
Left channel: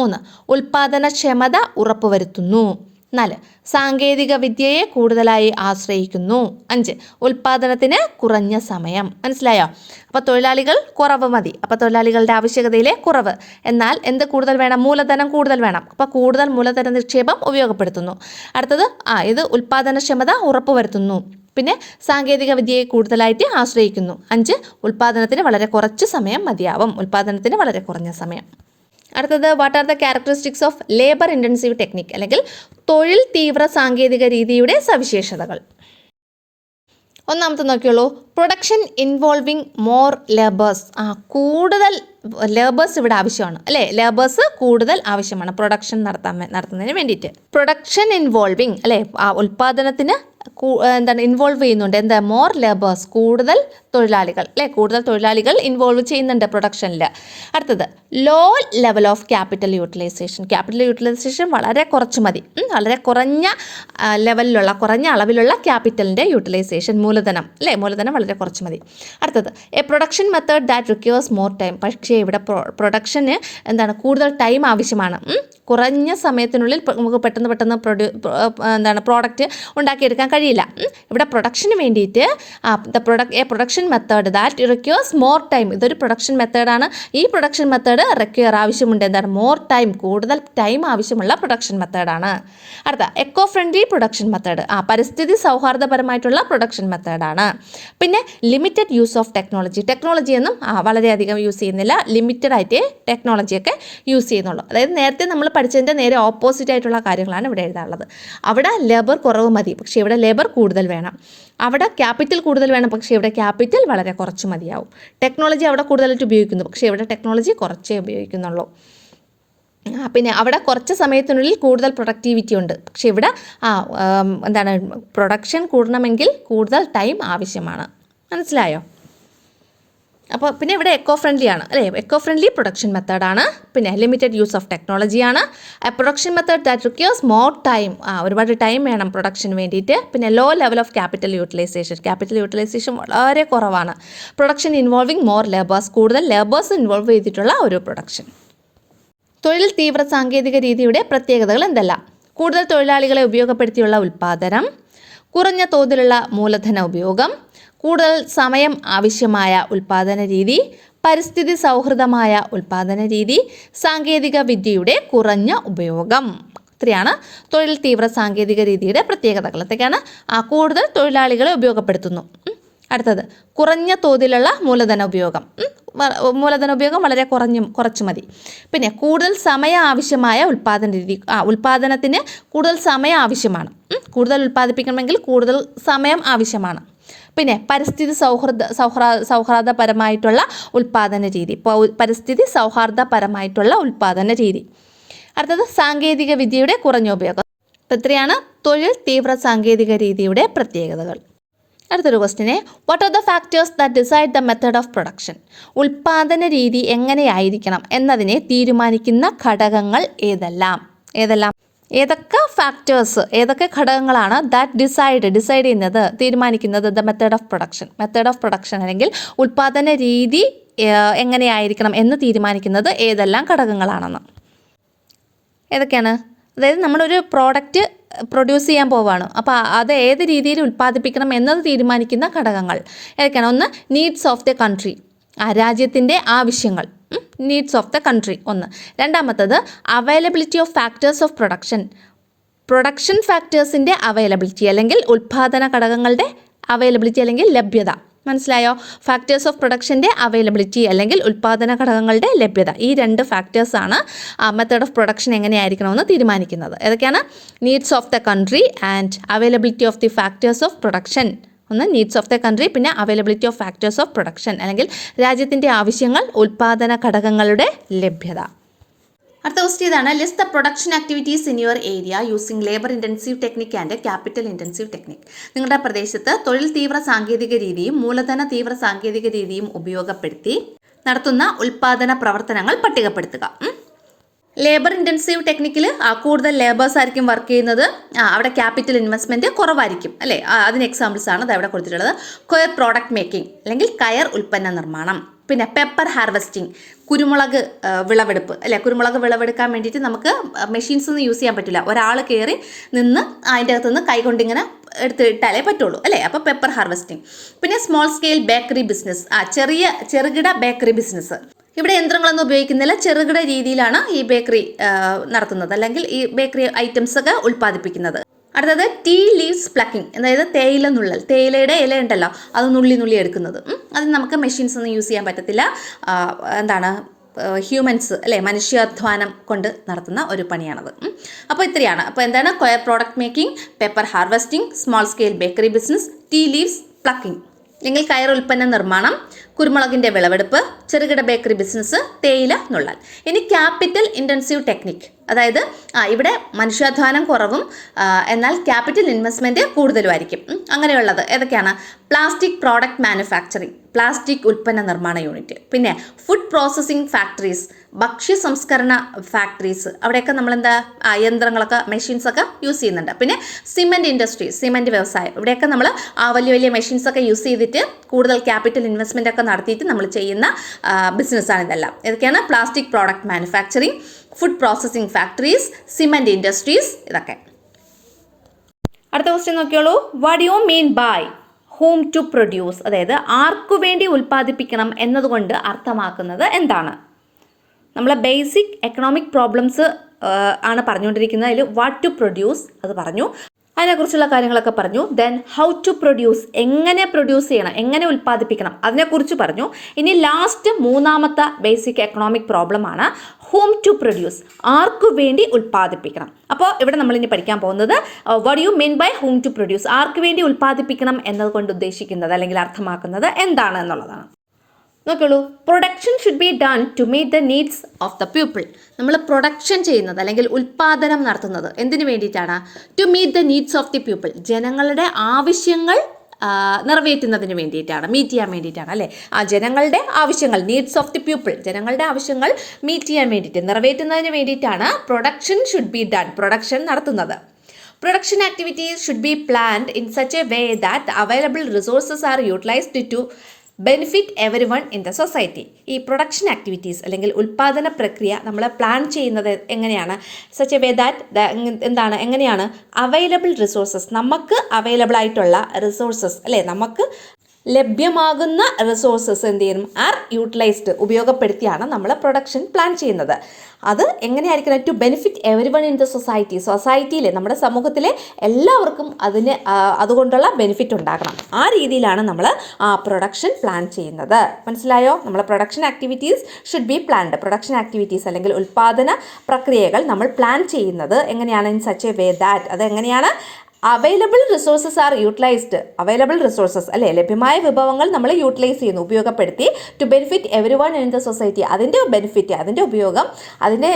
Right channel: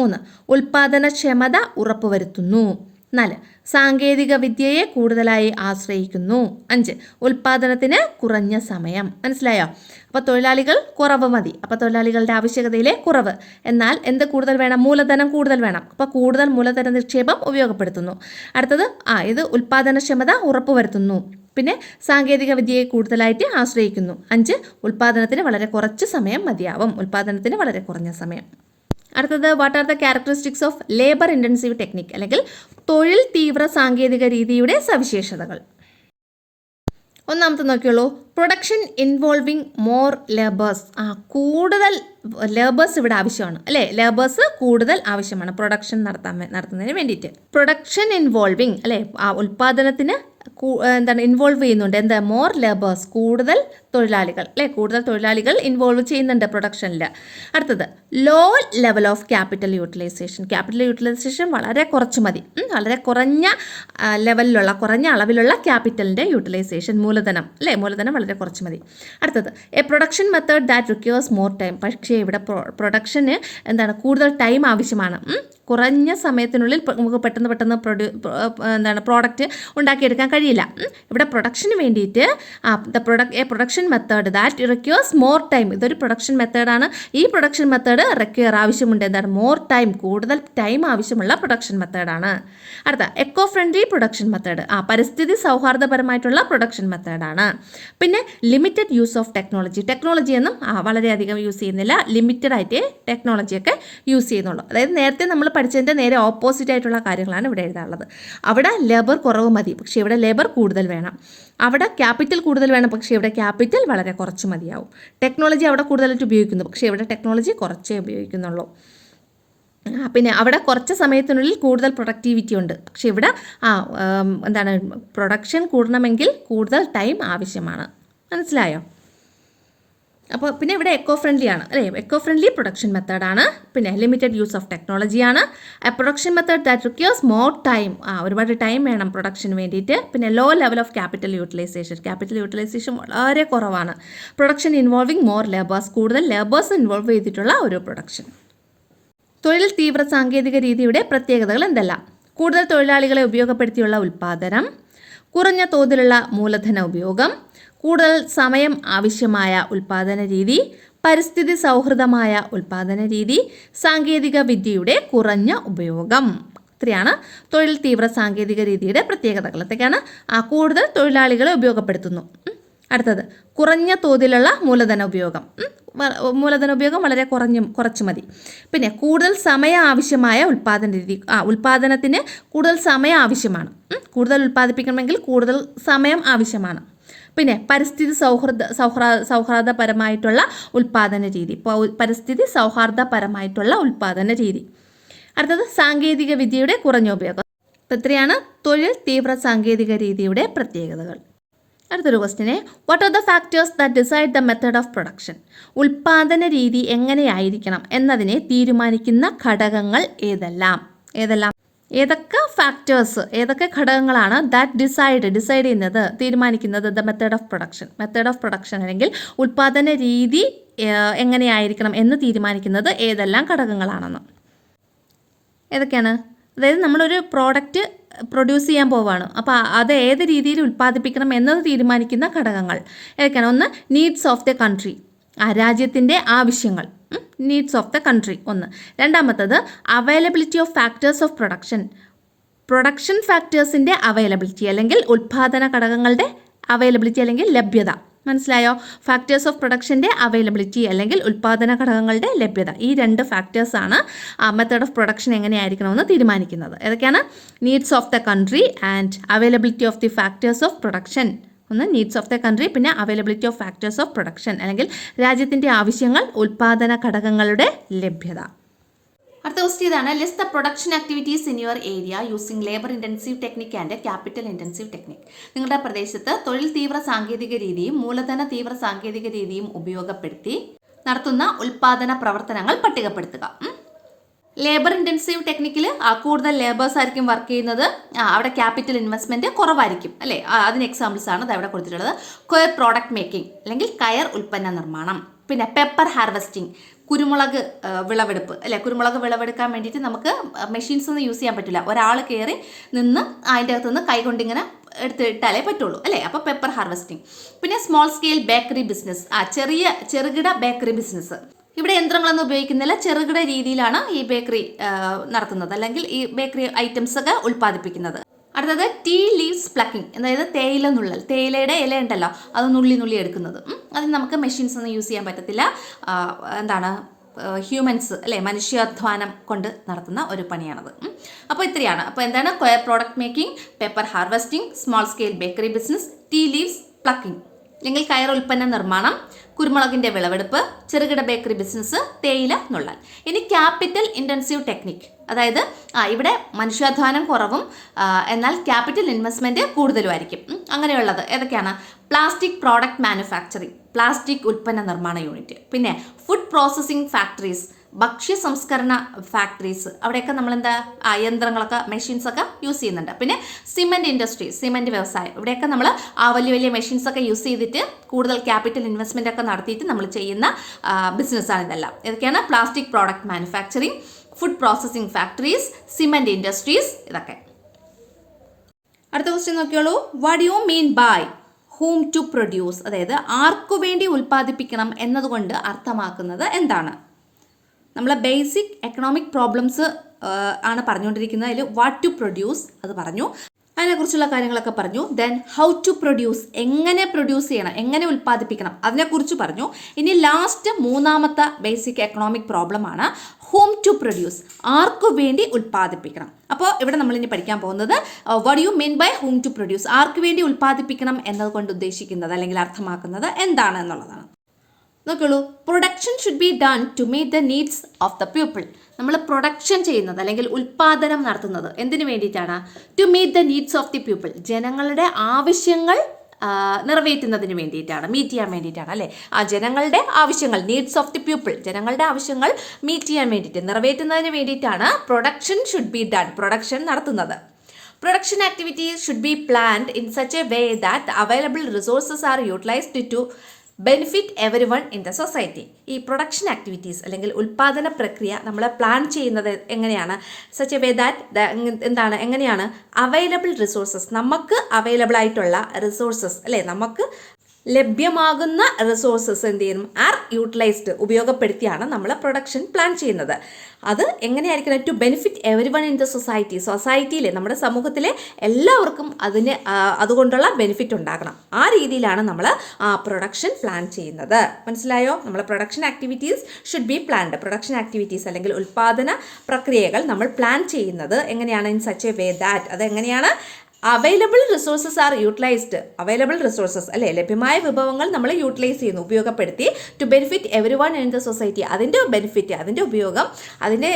3, ഉൽപ്പാദനക്ഷമത ഉറപ്പുവരുത്തുന്നു. 4, സാങ്കേതിക വിദ്യയെ കൂടുതലായി ആശ്രയിക്കുന്നു. 5, ഉൽപ്പാദനത്തിന് കുറഞ്ഞ സമയം. മനസ്സിലായോ? അപ്പോൾ തൊഴിലാളികൾ കുറവ് മതി, അപ്പോൾ തൊഴിലാളികളുടെ ആവശ്യകതയിലെ കുറവ്. എന്നാൽ എന്ത് കൂടുതൽ വേണം? മൂലധനം കൂടുതൽ വേണം. അപ്പോൾ കൂടുതൽ മൂലധന നിക്ഷേപം ഉപയോഗപ്പെടുത്തുന്നു. അടുത്തത് ഇത് ഉൽപ്പാദനക്ഷമത ഉറപ്പുവരുത്തുന്നു. പിന്നെ സാങ്കേതിക വിദ്യയെ കൂടുതലായിട്ട് ആശ്രയിക്കുന്നു. 5, ഉൽപ്പാദനത്തിന് വളരെ കുറച്ച് സമയം മതിയാവും, ഉൽപ്പാദനത്തിന് വളരെ കുറഞ്ഞ സമയം. അടുത്തത് what are the characteristics of labour intensive technique, അല്ലെങ്കിൽ തൊഴിൽ തീവ്ര സാങ്കേതിക രീതിയുടെ സവിശേഷതകൾ. ഒന്നാമത്തെ നോക്കിയോളൂ, പ്രൊഡക്ഷൻ ഇൻവോൾവിങ് മോർ ലേബേഴ്സ്, കൂടുതൽ ലേബേഴ്സ് ഇവിടെ ആവശ്യമാണ് അല്ലേ. ലേബേഴ്സ് കൂടുതൽ ആവശ്യമാണ് പ്രൊഡക്ഷൻ നടത്തുന്നതിന് വേണ്ടിയിട്ട്. പ്രൊഡക്ഷൻ ഇൻവോൾവിങ് അല്ലേ, ഉൽപ്പാദനത്തിന് ഇൻവോൾവ് ചെയ്യുന്നുണ്ട്. മോർ ലേബേഴ്സ്, കൂടുതൽ തൊഴിലാളികൾ അല്ലേ, കൂടുതൽ തൊഴിലാളികൾ ഇൻവോൾവ് ചെയ്യുന്നുണ്ട് പ്രൊഡക്ഷനിൽ. അടുത്തത് low level of capital utilisation വളരെ കുറച്ച് മതി, വളരെ കുറഞ്ഞ ലെവലിലുള്ള, കുറഞ്ഞ അളവിലുള്ള ക്യാപിറ്റലിൻ്റെ യൂട്ടിലൈസേഷൻ, മൂലധനം അല്ലേ, മൂലധനം വളരെ കുറച്ച് മതി. അടുത്തത് A production method that requires more time, പക്ഷേ ഇവിടെ പ്രൊഡക്ഷന് കൂടുതൽ ടൈം ആവശ്യമാണ്. കുറഞ്ഞ സമയത്തിനുള്ളിൽ നമുക്ക് പെട്ടെന്ന് പ്രോഡക്റ്റ് ഉണ്ടാക്കിയെടുക്കാൻ കഴിയില്ല. ഇവിടെ പ്രൊഡക്ഷന് വേണ്ടിയിട്ട് A production method that requires more time, ഇതൊരു പ്രൊഡക്ഷൻ മെത്തേഡാണ്. ഈ പ്രൊഡക്ഷൻ മെത്തേഡ് ആവശ്യമുണ്ട്, മോർ ടൈം, കൂടുതൽ ടൈം ആവശ്യമുള്ള പ്രൊഡക്ഷൻ മെത്തേഡാണ്. അടുത്ത എക്കോ ഫ്രണ്ട്ലി പ്രൊഡക്ഷൻ മെത്തേഡ്, പരിസ്ഥിതി സൗഹാർദ്ദപരമായിട്ടുള്ള പ്രൊഡക്ഷൻ മെത്തേഡാണ്. പിന്നെ ലിമിറ്റഡ് യൂസ് ഓഫ് ടെക്നോളജിയൊന്നും വളരെയധികം യൂസ് ചെയ്യുന്നില്ല, ലിമിറ്റഡ് ആയിട്ട് ടെക്നോളജിയൊക്കെ യൂസ് ചെയ്യുന്നുള്ളൂ. അതായത് നേരത്തെ നമ്മൾ പഠിച്ചതിൻ്റെ നേരെ ഓപ്പോസിറ്റ് ആയിട്ടുള്ള കാര്യങ്ങളാണ് ഇവിടെ എഴുതാനുള്ളത്. അവിടെ ലേബർ കുറവ് മതി, പക്ഷേ ഇവിടെ ലേബർ കൂടുതൽ വേണം. അവിടെ ക്യാപിറ്റൽ കൂടുതൽ വേണം, പക്ഷേ ഇവിടെ ക്യാപിറ്റൽ വളരെ കുറച്ച് മതിയാവും. ടെക്നോളജി അവിടെ കൂടുതലായിട്ട് ഉപയോഗിക്കുന്നു, പക്ഷേ ഇവിടെ ടെക്നോളജി കുറച്ചേ ഉപയോഗിക്കുന്നുള്ളൂ. പിന്നെ അവിടെ കുറച്ച് സമയത്തിനുള്ളിൽ കൂടുതൽ പ്രൊഡക്ടിവിറ്റി ഉണ്ട്, പക്ഷേ ഇവിടെ പ്രൊഡക്ഷൻ കൂടണമെങ്കിൽ കൂടുതൽ ടൈം ആവശ്യമാണ്. മനസ്സിലായോ? അപ്പോൾ പിന്നെ ഇവിടെ എക്കോ ഫ്രണ്ട്ലി ആണ് അല്ലേ, എക്കോ ഫ്രണ്ട്ലി പ്രൊഡക്ഷൻ മെത്തേഡാണ്. പിന്നെ ലിമിറ്റഡ് യൂസ് ഓഫ് ടെക്നോളജിയാണ്. Production method that requires more time, ഒരുപാട് ടൈം വേണം പ്രൊഡക്ഷന് വേണ്ടിയിട്ട്. പിന്നെ low level of capital utilisation വളരെ കുറവാണ്. പ്രൊഡക്ഷൻ ഇൻവോൾവിങ് മോർ ലേബേഴ്സ്, കൂടുതൽ ലേബേഴ്സ് ഇൻവോൾവ് ചെയ്തിട്ടുള്ള ഒരു പ്രൊഡക്ഷൻ. തൊഴിൽ തീവ്ര സാങ്കേതിക രീതിയുടെ പ്രത്യേകതകൾ എന്തെല്ലാം? കൂടുതൽ തൊഴിലാളികളെ ഉപയോഗപ്പെടുത്തിയുള്ള ഉൽപ്പാദനം, കുറഞ്ഞ തോതിലുള്ള മൂലധന ഉപയോഗം, കൂടുതൽ സമയം ആവശ്യമായ ഉൽപ്പാദന രീതി, പരിസ്ഥിതി സൗഹൃദമായ ഉൽപ്പാദന രീതി, സാങ്കേതിക വിദ്യയുടെ കുറഞ്ഞ ഉപയോഗം. ഇത്രയാണ് തൊഴിൽ തീവ്ര സാങ്കേതിക രീതിയുടെ പ്രത്യേകതകൾ. എന്തൊക്കെയാണ്? കൂടുതൽ തൊഴിലാളികളെ ഉപയോഗപ്പെടുത്തുന്നു. അടുത്തത് കുറഞ്ഞ തോതിലുള്ള മൂലധന ഉപയോഗം വളരെ കുറച്ച് മതി. പിന്നെ കൂടുതൽ സമയം ആവശ്യമായ ഉൽപ്പാദന രീതി, ഉൽപ്പാദനത്തിന് കൂടുതൽ സമയം ആവശ്യമാണ്. കൂടുതൽ ഉൽപ്പാദിപ്പിക്കണമെങ്കിൽ കൂടുതൽ സമയം ആവശ്യമാണ്. പിന്നെ പരിസ്ഥിതി സൗഹാർദ്ദപരമായിട്ടുള്ള ഉൽപ്പാദന രീതി, പരിസ്ഥിതി സൗഹാർദ്ദപരമായിട്ടുള്ള ഉൽപ്പാദന രീതി. അടുത്തത് സാങ്കേതിക വിദ്യയുടെ കുറഞ്ഞ ഉപയോഗം. അപ്പോൾ ഇത്രയാണ് തൊഴിൽ തീവ്ര സാങ്കേതിക രീതിയുടെ പ്രത്യേകതകൾ. അടുത്തൊരു ക്വസ്റ്റിനെ, what are the factors that decide the method of production? ഉൽപ്പാദന രീതി എങ്ങനെയായിരിക്കണം എന്നതിനെ തീരുമാനിക്കുന്ന ഘടകങ്ങൾ ഏതൊക്കെ ഫാക്ടേഴ്സ്, ഏതൊക്കെ ഘടകങ്ങളാണ് ദാറ്റ് ഡിസൈഡ് ചെയ്യുന്നത്, തീരുമാനിക്കുന്നത് ദ മെത്തേഡ് ഓഫ് പ്രൊഡക്ഷൻ അല്ലെങ്കിൽ ഉൽപ്പാദന രീതി എങ്ങനെയായിരിക്കണം എന്ന് തീരുമാനിക്കുന്നത് ഏതെല്ലാം ഘടകങ്ങളാണെന്ന്? ഏതൊക്കെയാണ്? അതായത് നമ്മളൊരു പ്രോഡക്റ്റ് പ്രൊഡ്യൂസ് ചെയ്യാൻ പോവുകയാണ്, അപ്പോൾ അത് ഏത് രീതിയിൽ ഉൽപ്പാദിപ്പിക്കണം എന്നത് തീരുമാനിക്കുന്ന ഘടകങ്ങൾ ഏതൊക്കെയാണ്? ഒന്ന്, നീഡ്സ് ഓഫ് ദ കൺട്രി, രാജ്യത്തിൻ്റെ ആവശ്യങ്ങൾ, നീഡ്സ് ഓഫ് ദ കൺട്രി ഒന്ന്. രണ്ടാമത്തത് availability of factors of production ഫാക്ടേഴ്സിൻ്റെ അവൈലബിലിറ്റി അല്ലെങ്കിൽ ഉൽപ്പാദന ഘടകങ്ങളുടെ അവൈലബിലിറ്റി അല്ലെങ്കിൽ ലഭ്യത. മനസ്സിലായോ? ഫാക്ടേഴ്സ് ഓഫ് പ്രൊഡക്ഷൻ്റെ അവൈലബിലിറ്റി അല്ലെങ്കിൽ ഉൽപ്പാദന ഘടകങ്ങളുടെ ലഭ്യത. ഈ രണ്ട് ഫാക്ടേഴ്സാണ് മെത്തേഡ് ഓഫ് പ്രൊഡക്ഷൻ എങ്ങനെയായിരിക്കണമെന്ന് തീരുമാനിക്കുന്നത്. ഏതൊക്കെയാണ്? Needs of the country and availability of the factors of production. ഒന്ന് നീഡ്സ് ഓഫ് ദ കൺട്രി, പിന്നെ availability of factors of production അല്ലെങ്കിൽ രാജ്യത്തിൻ്റെ ആവശ്യങ്ങൾ, ഉൽപ്പാദന ഘടകങ്ങളുടെ ലഭ്യത. അടുത്ത ക്വസ്റ്റ്യൻ ഇതാണ്, list the production activities in your area using labour intensive technique and capital intensive technique. നിങ്ങളുടെ പ്രദേശത്ത് തൊഴിൽ തീവ്ര സാങ്കേതിക രീതിയും മൂലധന തീവ്ര സാങ്കേതിക രീതിയും ഉപയോഗപ്പെടുത്തി നടത്തുന്ന ഉൽപ്പാദന പ്രവർത്തനങ്ങൾ പട്ടികപ്പെടുത്തുക. ലേബർ ഇൻറ്റൻസീവ് ടെക്നിക്കിൽ കൂടുതൽ ലേബേഴ്സ് ആയിരിക്കും വർക്ക് ചെയ്യുന്നത്, അവിടെ ക്യാപിറ്റൽ ഇൻവെസ്റ്റ്മെൻറ്റ് കുറവായിരിക്കും അല്ലേ. അതിന് എക്സാമ്പിൾസ് ആണ് അത് അവിടെ കൊടുത്തിട്ടുള്ളത്. കൊയർ പ്രോഡക്റ്റ് മേക്കിംഗ് അല്ലെങ്കിൽ കയർ ഉൽപ്പന്ന നിർമ്മാണം, പിന്നെ പെപ്പർ ഹാർവെസ്റ്റിംഗ്, കുരുമുളക് വിളവെടുപ്പ് അല്ലേ. കുരുമുളക് വിളവെടുക്കാൻ വേണ്ടിയിട്ട് നമുക്ക് മെഷീൻസ് ഒന്നും യൂസ് ചെയ്യാൻ പറ്റില്ല, ഒരാൾ കയറി നിന്ന് അതിൻ്റെ അകത്തുനിന്ന് കൈകൊണ്ടിങ്ങനെ എടുത്തിട്ടാലേ പറ്റുള്ളൂ അല്ലേ. അപ്പോൾ പെപ്പർ ഹാർവെസ്റ്റിംഗ്. പിന്നെ സ്മോൾ സ്കെയിൽ ബേക്കറി ബിസിനസ്, ചെറുകിട ബേക്കറി ബിസിനസ്. ഇവിടെ യന്ത്രങ്ങളൊന്നും ഉപയോഗിക്കുന്നില്ല, ചെറുകിട രീതിയിലാണ് ഈ ബേക്കറി നടത്തുന്നത് അല്ലെങ്കിൽ ഈ ബേക്കറി ഐറ്റംസ് ഒക്കെ ഉൽപ്പാദിപ്പിക്കുന്നത്. അടുത്തത് ടീ ലീവ്സ് പ്ലക്കിംഗ്, അതായത് തേയില നുള്ളൽ, തേയിലയുടെ ഇല ഉണ്ടല്ലോ അത് നുള്ളി എടുക്കുന്നത്. അതിന് നമുക്ക് മെഷീൻസ് ഒന്നും യൂസ് ചെയ്യാൻ പറ്റത്തില്ല, ഹ്യൂമൻസ് അല്ലേ, മനുഷ്യാധ്വാനം കൊണ്ട് നടത്തുന്ന ഒരു പണിയാണത്. അപ്പോൾ ഇത്രയാണ്. അപ്പോൾ എന്താണ്? Coir product making, pepper harvesting, small scale bakery business, tea leaves plucking അല്ലെങ്കിൽ കയർ ഉൽപ്പന്ന നിർമ്മാണം, കുരുമുളകിൻ്റെ വിളവെടുപ്പ്, ചെറുകിട ബേക്കറി ബിസിനസ്, തേയില നുള്ളൽ. ഇനി ക്യാപിറ്റൽ ഇൻറ്റൻസീവ് ടെക്നിക്, അതായത് ഇവിടെ മനുഷ്യാധ്വാനം കുറവും എന്നാൽ ക്യാപിറ്റൽ ഇൻവെസ്റ്റ്മെൻറ്റ് കൂടുതലുമായിരിക്കും. അങ്ങനെയുള്ളത് ഏതൊക്കെയാണ്? പ്ലാസ്റ്റിക് പ്രോഡക്റ്റ് മാനുഫാക്ചറിങ്, പ്ലാസ്റ്റിക് ഉൽപ്പന്ന നിർമ്മാണ യൂണിറ്റ്, പിന്നെ ഫുഡ് പ്രോസസ്സിംഗ് ഫാക്ടറീസ്, ഭക്ഷ്യ സംസ്കരണ ഫാക്ടറീസ്, അവിടെയൊക്കെ നമ്മളെന്താ യന്ത്രങ്ങളൊക്കെ മെഷീൻസൊക്കെ യൂസ് ചെയ്യുന്നുണ്ട്. പിന്നെ സിമെൻറ്റ് ഇൻഡസ്ട്രി, സിമെൻറ്റ് വ്യവസായം, ഇവിടെയൊക്കെ നമ്മൾ വലിയ മെഷീൻസൊക്കെ യൂസ് ചെയ്തിട്ട് കൂടുതൽ ക്യാപിറ്റൽ ഇൻവെസ്റ്റ്മെൻ്റ് ഒക്കെ നടത്തിയിട്ട് നമ്മൾ ചെയ്യുന്ന ബിസിനസ്സാണ് ഇതെല്ലാം. ഏതൊക്കെയാണ്? Plastic product manufacturing, food processing factories, cement industries, ഇതൊക്കെ. അടുത്ത ക്വസ്റ്റ്യൻ നോക്കിയോളൂ. What you mean by whom to produce, അതായത് ആർക്കു വേണ്ടി ഉൽപ്പാദിപ്പിക്കണം എന്നതുകൊണ്ട് അർത്ഥമാക്കുന്നത് എന്താണ്? നമ്മളെ ബേസിക് എക്കണോമിക് പ്രോബ്ലംസ് ആണ് പറഞ്ഞുകൊണ്ടിരിക്കുന്നത്. അതിൽ വാട്ട് ടു പ്രൊഡ്യൂസ് അത് പറഞ്ഞു, അതിനെക്കുറിച്ചുള്ള കാര്യങ്ങളൊക്കെ പറഞ്ഞു. ദെൻ ഹൗ ടു പ്രൊഡ്യൂസ്, എങ്ങനെ പ്രൊഡ്യൂസ് ചെയ്യണം, എങ്ങനെ ഉൽപ്പാദിപ്പിക്കണം അതിനെക്കുറിച്ച് പറഞ്ഞു. ഇനി ലാസ്റ്റ് മൂന്നാമത്തെ ബേസിക് എക്കണോമിക് പ്രോബ്ലമാണ് ഹൂം ടു പ്രൊഡ്യൂസ്, ആർക്കു വേണ്ടി ഉൽപ്പാദിപ്പിക്കണം. അപ്പോൾ ഇവിടെ നമ്മളിനി പഠിക്കാൻ പോകുന്നത് what you mean by whom to produce, ആർക്ക് വേണ്ടി ഉൽപ്പാദിപ്പിക്കണം എന്നതുകൊണ്ട് ഉദ്ദേശിക്കുന്നത് അല്ലെങ്കിൽ അർത്ഥമാക്കുന്നത് എന്താണ് എന്നുള്ളതാണ്. നോക്കുള്ളൂ. Production should be done to meet the needs of the people. നമ്മൾ പ്രൊഡക്ഷൻ ചെയ്യുന്നത് അല്ലെങ്കിൽ ഉൽപ്പാദനം നടത്തുന്നത് എന്തിനു വേണ്ടിയിട്ടാണ്? To meet the needs of the people, ജനങ്ങളുടെ ആവശ്യങ്ങൾ നിറവേറ്റുന്നതിന് വേണ്ടിയിട്ടാണ്, മീറ്റ് ചെയ്യാൻ വേണ്ടിയിട്ടാണ് അല്ലേ. ജനങ്ങളുടെ ആവശ്യങ്ങൾ, നീഡ്സ് ഓഫ് ദി പീപ്പിൾ, ജനങ്ങളുടെ ആവശ്യങ്ങൾ മീറ്റ് ചെയ്യാൻ വേണ്ടിയിട്ട്, നിറവേറ്റുന്നതിന് വേണ്ടിയിട്ടാണ് production should be done, production നടത്തുന്നത്. Production activities should be planned in such a way that the available resources are utilized to benefit everyone in the society. ഈ പ്രൊഡക്ഷൻ ആക്ടിവിറ്റീസ് അല്ലെങ്കിൽ ഉൽപ്പാദന പ്രക്രിയ നമ്മൾ പ്ലാൻ ചെയ്യുന്നത് എങ്ങനെയാണ്? സച്ച് എ വേ ദാറ്റ് എങ്ങനെയാണ് അവൈലബിൾ റിസോഴ്സസ്, നമുക്ക് അവൈലബിൾ ആയിട്ടുള്ള റിസോഴ്സസ് അല്ലേ, നമുക്ക് ലഭ്യമാകുന്ന റിസോഴ്സസ് എന്ത് ചെയ്യണം? ആർ യൂട്ടിലൈസ്ഡ്, ഉപയോഗപ്പെടുത്തിയാണ് നമ്മൾ പ്രൊഡക്ഷൻ പ്ലാൻ ചെയ്യുന്നത്. അത് എങ്ങനെയായിരിക്കണം? To benefit everyone in the society, സൊസൈറ്റിയിലെ നമ്മുടെ സമൂഹത്തിലെ എല്ലാവർക്കും അതുകൊണ്ടുള്ള ബെനിഫിറ്റ് ഉണ്ടാകണം. ആ രീതിയിലാണ് നമ്മൾ പ്രൊഡക്ഷൻ പ്ലാൻ ചെയ്യുന്നത്. മനസ്സിലായോ? നമ്മൾ production activities should be planned. Production activities അല്ലെങ്കിൽ ഉൽപ്പാദന പ്രക്രിയകൾ നമ്മൾ പ്ലാൻ ചെയ്യുന്നത് എങ്ങനെയാണ്? In such a way that, അത് എങ്ങനെയാണ്? Available resources are utilised. Available resources അല്ലേ, ലഭ്യമായ വിഭവങ്ങൾ നമ്മൾ യൂട്ടിലൈസ് ചെയ്യുന്നു, ഉപയോഗപ്പെടുത്തി to benefit everyone in the society. അതിൻ്റെ ബെനിഫിറ്റ്, അതിൻ്റെ ഉപയോഗം, അതിൻ്റെ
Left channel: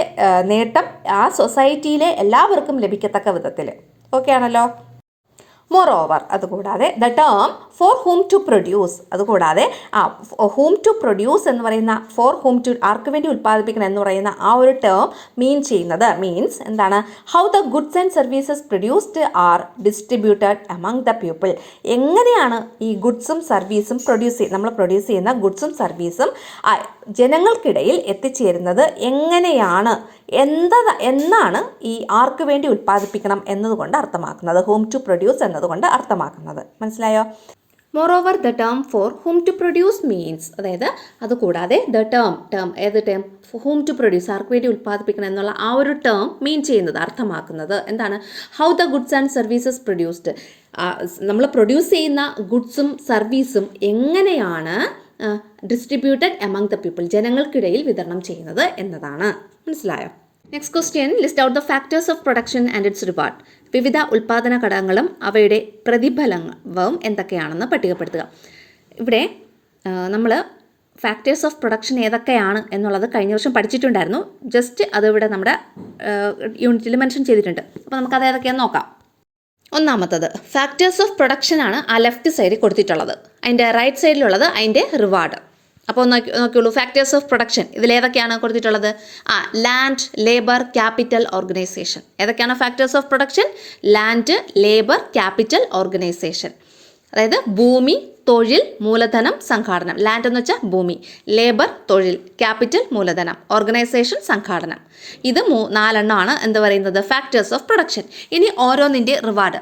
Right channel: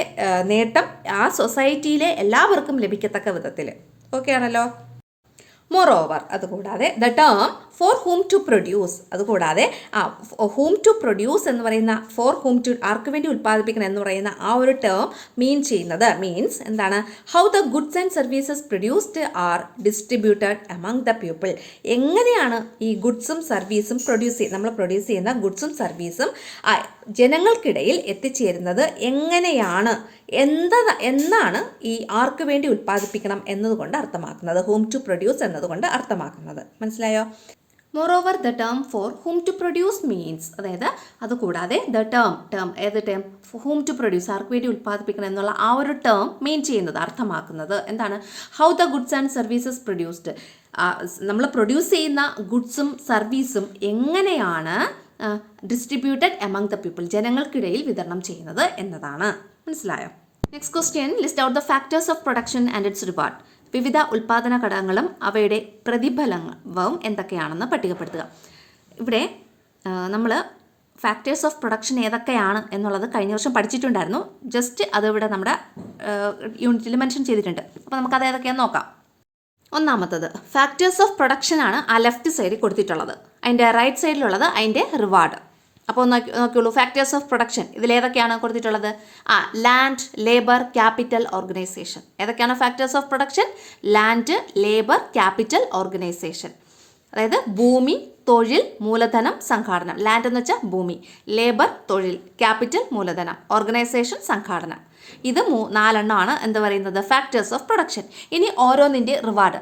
നേട്ടം ആ സൊസൈറ്റിയിലെ എല്ലാവർക്കും ലഭിക്കത്തക്ക വിധത്തിൽ. ഓക്കെ ആണല്ലോ. മോറോവർ, അതുകൂടാതെ the term for whom to produce, അതുകൂടാതെ ഹൂം ടു പ്രൊഡ്യൂസ് എന്ന് പറയുന്ന, ഫോർ ഹൂം ടു, ആർക്ക് വേണ്ടി ഉൽപ്പാദിപ്പിക്കണം എന്ന് പറയുന്ന ആ ഒരു ടേം മീൻസ് എന്താണ്, how the goods and services produced R distributed among the people. എങ്ങനെയാണ് ഈ ഗുഡ്സും സർവീസും നമ്മൾ പ്രൊഡ്യൂസ് ചെയ്യുന്ന ഗുഡ്സും സർവീസും ജനങ്ങൾക്കിടയിൽ എത്തിച്ചേരുന്നത് എങ്ങനെയാണ് എന്നാണ് ഈ ആർക്ക് വേണ്ടി ഉൽപ്പാദിപ്പിക്കണം എന്നതുകൊണ്ട് അർത്ഥമാക്കുന്നത്, ഹൂം ടു പ്രൊഡ്യൂസ് എന്നതുകൊണ്ട് അർത്ഥമാക്കുന്നത്. മനസ്സിലായോ? Moreover the term for whom to produce means, അതായത് അതുകൂടാതെ ദ ഏത് ടേം, ഹൂം ടു പ്രൊഡ്യൂസ്, ആർക്ക് വേണ്ടി ഉൽപ്പാദിപ്പിക്കണം എന്നുള്ള ആ ഒരു ടേം മീൻ ചെയ്യുന്നത്, അർത്ഥമാക്കുന്നത് എന്താണ്, how the goods and services produced, നമ്മൾ പ്രൊഡ്യൂസ് ചെയ്യുന്ന ഗുഡ്സും സർവീസും എങ്ങനെയാണ് ഡിസ്ട്രിബ്യൂട്ടഡ് എമംഗ് ദ പീപ്പിൾ, ജനങ്ങൾക്കിടയിൽ വിതരണം ചെയ്യുന്നത് എന്നതാണ്. മനസ്സിലായോ? Next question, list out the factors of production and it's reward. വിവിധ ഉൽപ്പാദന ഘടകങ്ങളും അവയുടെ പ്രതിഫലവും എന്തൊക്കെയാണെന്ന് പട്ടികപ്പെടുത്തുക. ഇവിടെ നമ്മൾ ഫാക്ടേഴ്സ് ഓഫ് പ്രൊഡക്ഷൻ ഏതൊക്കെയാണ് എന്നുള്ളത് കഴിഞ്ഞ വർഷം പഠിച്ചിട്ടുണ്ടായിരുന്നു. ജസ്റ്റ് അതിവിടെ നമ്മുടെ യൂണിറ്റിൽ മെൻഷൻ ചെയ്തിട്ടുണ്ട്. അപ്പോൾ നമുക്കത് ഏതൊക്കെയാണെന്ന് നോക്കാം. ഒന്നാമത്തത് ഫാക്ടേഴ്സ് ഓഫ് പ്രൊഡക്ഷൻ ആണ് ആ ലെഫ്റ്റ് സൈഡിൽ കൊടുത്തിട്ടുള്ളത്. അതിൻ്റെ റൈറ്റ് സൈഡിലുള്ളത് അതിൻ്റെ റിവാർഡ്. അപ്പോൾ നോക്കിയുള്ളൂ, ഫാക്ടേഴ്സ് ഓഫ് പ്രൊഡക്ഷൻ ഇതിലേതൊക്കെയാണ് കൊടുത്തിട്ടുള്ളത്? Land, labour, capital, organisation. ഏതൊക്കെയാണ് factors of production? Land, labour, capital, organisation. അതായത് ഭൂമി, തൊഴിൽ, മൂലധനം, സംഘാടനം. ലാൻഡ് എന്ന് വെച്ചാൽ ഭൂമി, ലേബർ തൊഴിൽ, ക്യാപിറ്റൽ മൂലധനം, ഓർഗനൈസേഷൻ സംഘാടനം. ഇത് 4 എന്ത് പറയുന്നത് ഫാക്ടേഴ്സ് ഓഫ് പ്രൊഡക്ഷൻ. ഇനി ഓരോന്നിൻ്റെ റിവാർഡ്.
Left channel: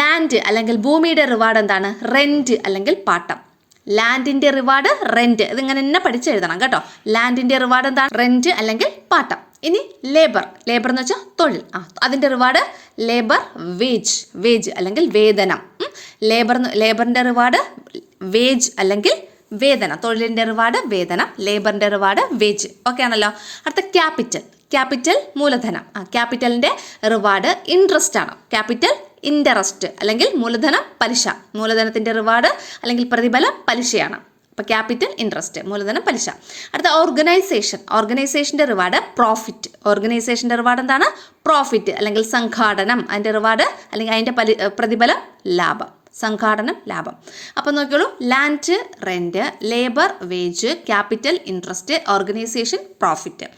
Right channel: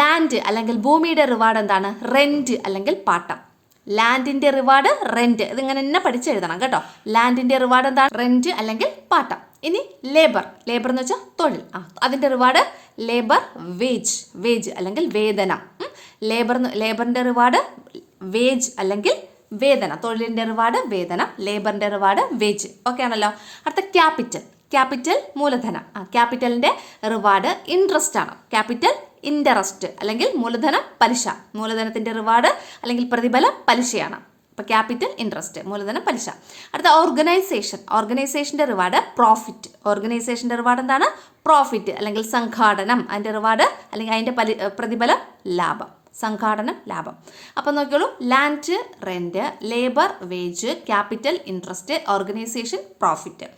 ലാൻഡ് അല്ലെങ്കിൽ ഭൂമിയുടെ റിവാർഡ് എന്താണ്? റെൻറ്റ് അല്ലെങ്കിൽ പാട്ടം. ലാൻഡിൻ്റെ റിവാർഡ് റെൻറ്റ്. ഇതിങ്ങനെ തന്നെ പഠിച്ചെഴുതണം കേട്ടോ. ലാൻഡിൻ്റെ റിവാർഡ് എന്താണ്? റെൻറ്റ് അല്ലെങ്കിൽ പാട്ടം. ഇനി ലേബർ എന്ന് വെച്ചാൽ തൊഴിൽ. അതിൻ്റെ റിവാർഡ് ലേബർ വേജ് അല്ലെങ്കിൽ വേതനം. ലേബറിൻ്റെ റിവാർഡ് വേജ് അല്ലെങ്കിൽ വേതനം. തൊഴിലിൻ്റെ റിവാർഡ് വേതനം, ലേബറിൻ്റെ റിവാർഡ് വേജ്. ഓക്കെ ആണല്ലോ. അടുത്ത ക്യാപിറ്റൽ മൂലധനം. ക്യാപിറ്റലിൻ്റെ റിവാർഡ് ഇൻട്രസ്റ്റ് ആണ്. ക്യാപിറ്റൽ ഇൻട്രസ്റ്റ് അല്ലെങ്കിൽ മൂലധനം പലിശ. മൂലധനത്തിൻ്റെ റിവാർഡ് അല്ലെങ്കിൽ പ്രതിഫലം പലിശയാണ്. അപ്പോൾ ക്യാപിറ്റൽ ഇൻട്രസ്റ്റ്, മൂലധനം പലിശ. അടുത്ത ഓർഗനൈസേഷൻ്റെ റിവാർഡ് പ്രോഫിറ്റ്. ഓർഗനൈസേഷൻ്റെ റിവാർഡ് എന്താണ്? പ്രോഫിറ്റ് അല്ലെങ്കിൽ സംഘാടനം. അതിൻ്റെ റിവാർഡ് അല്ലെങ്കിൽ അതിൻ്റെ പ്രതിഫലം ലാഭം. സംഘാടനം ലാഭം. അപ്പോൾ നോക്കിയോളൂ, land rent, labour wage, capital interest, organisation profit.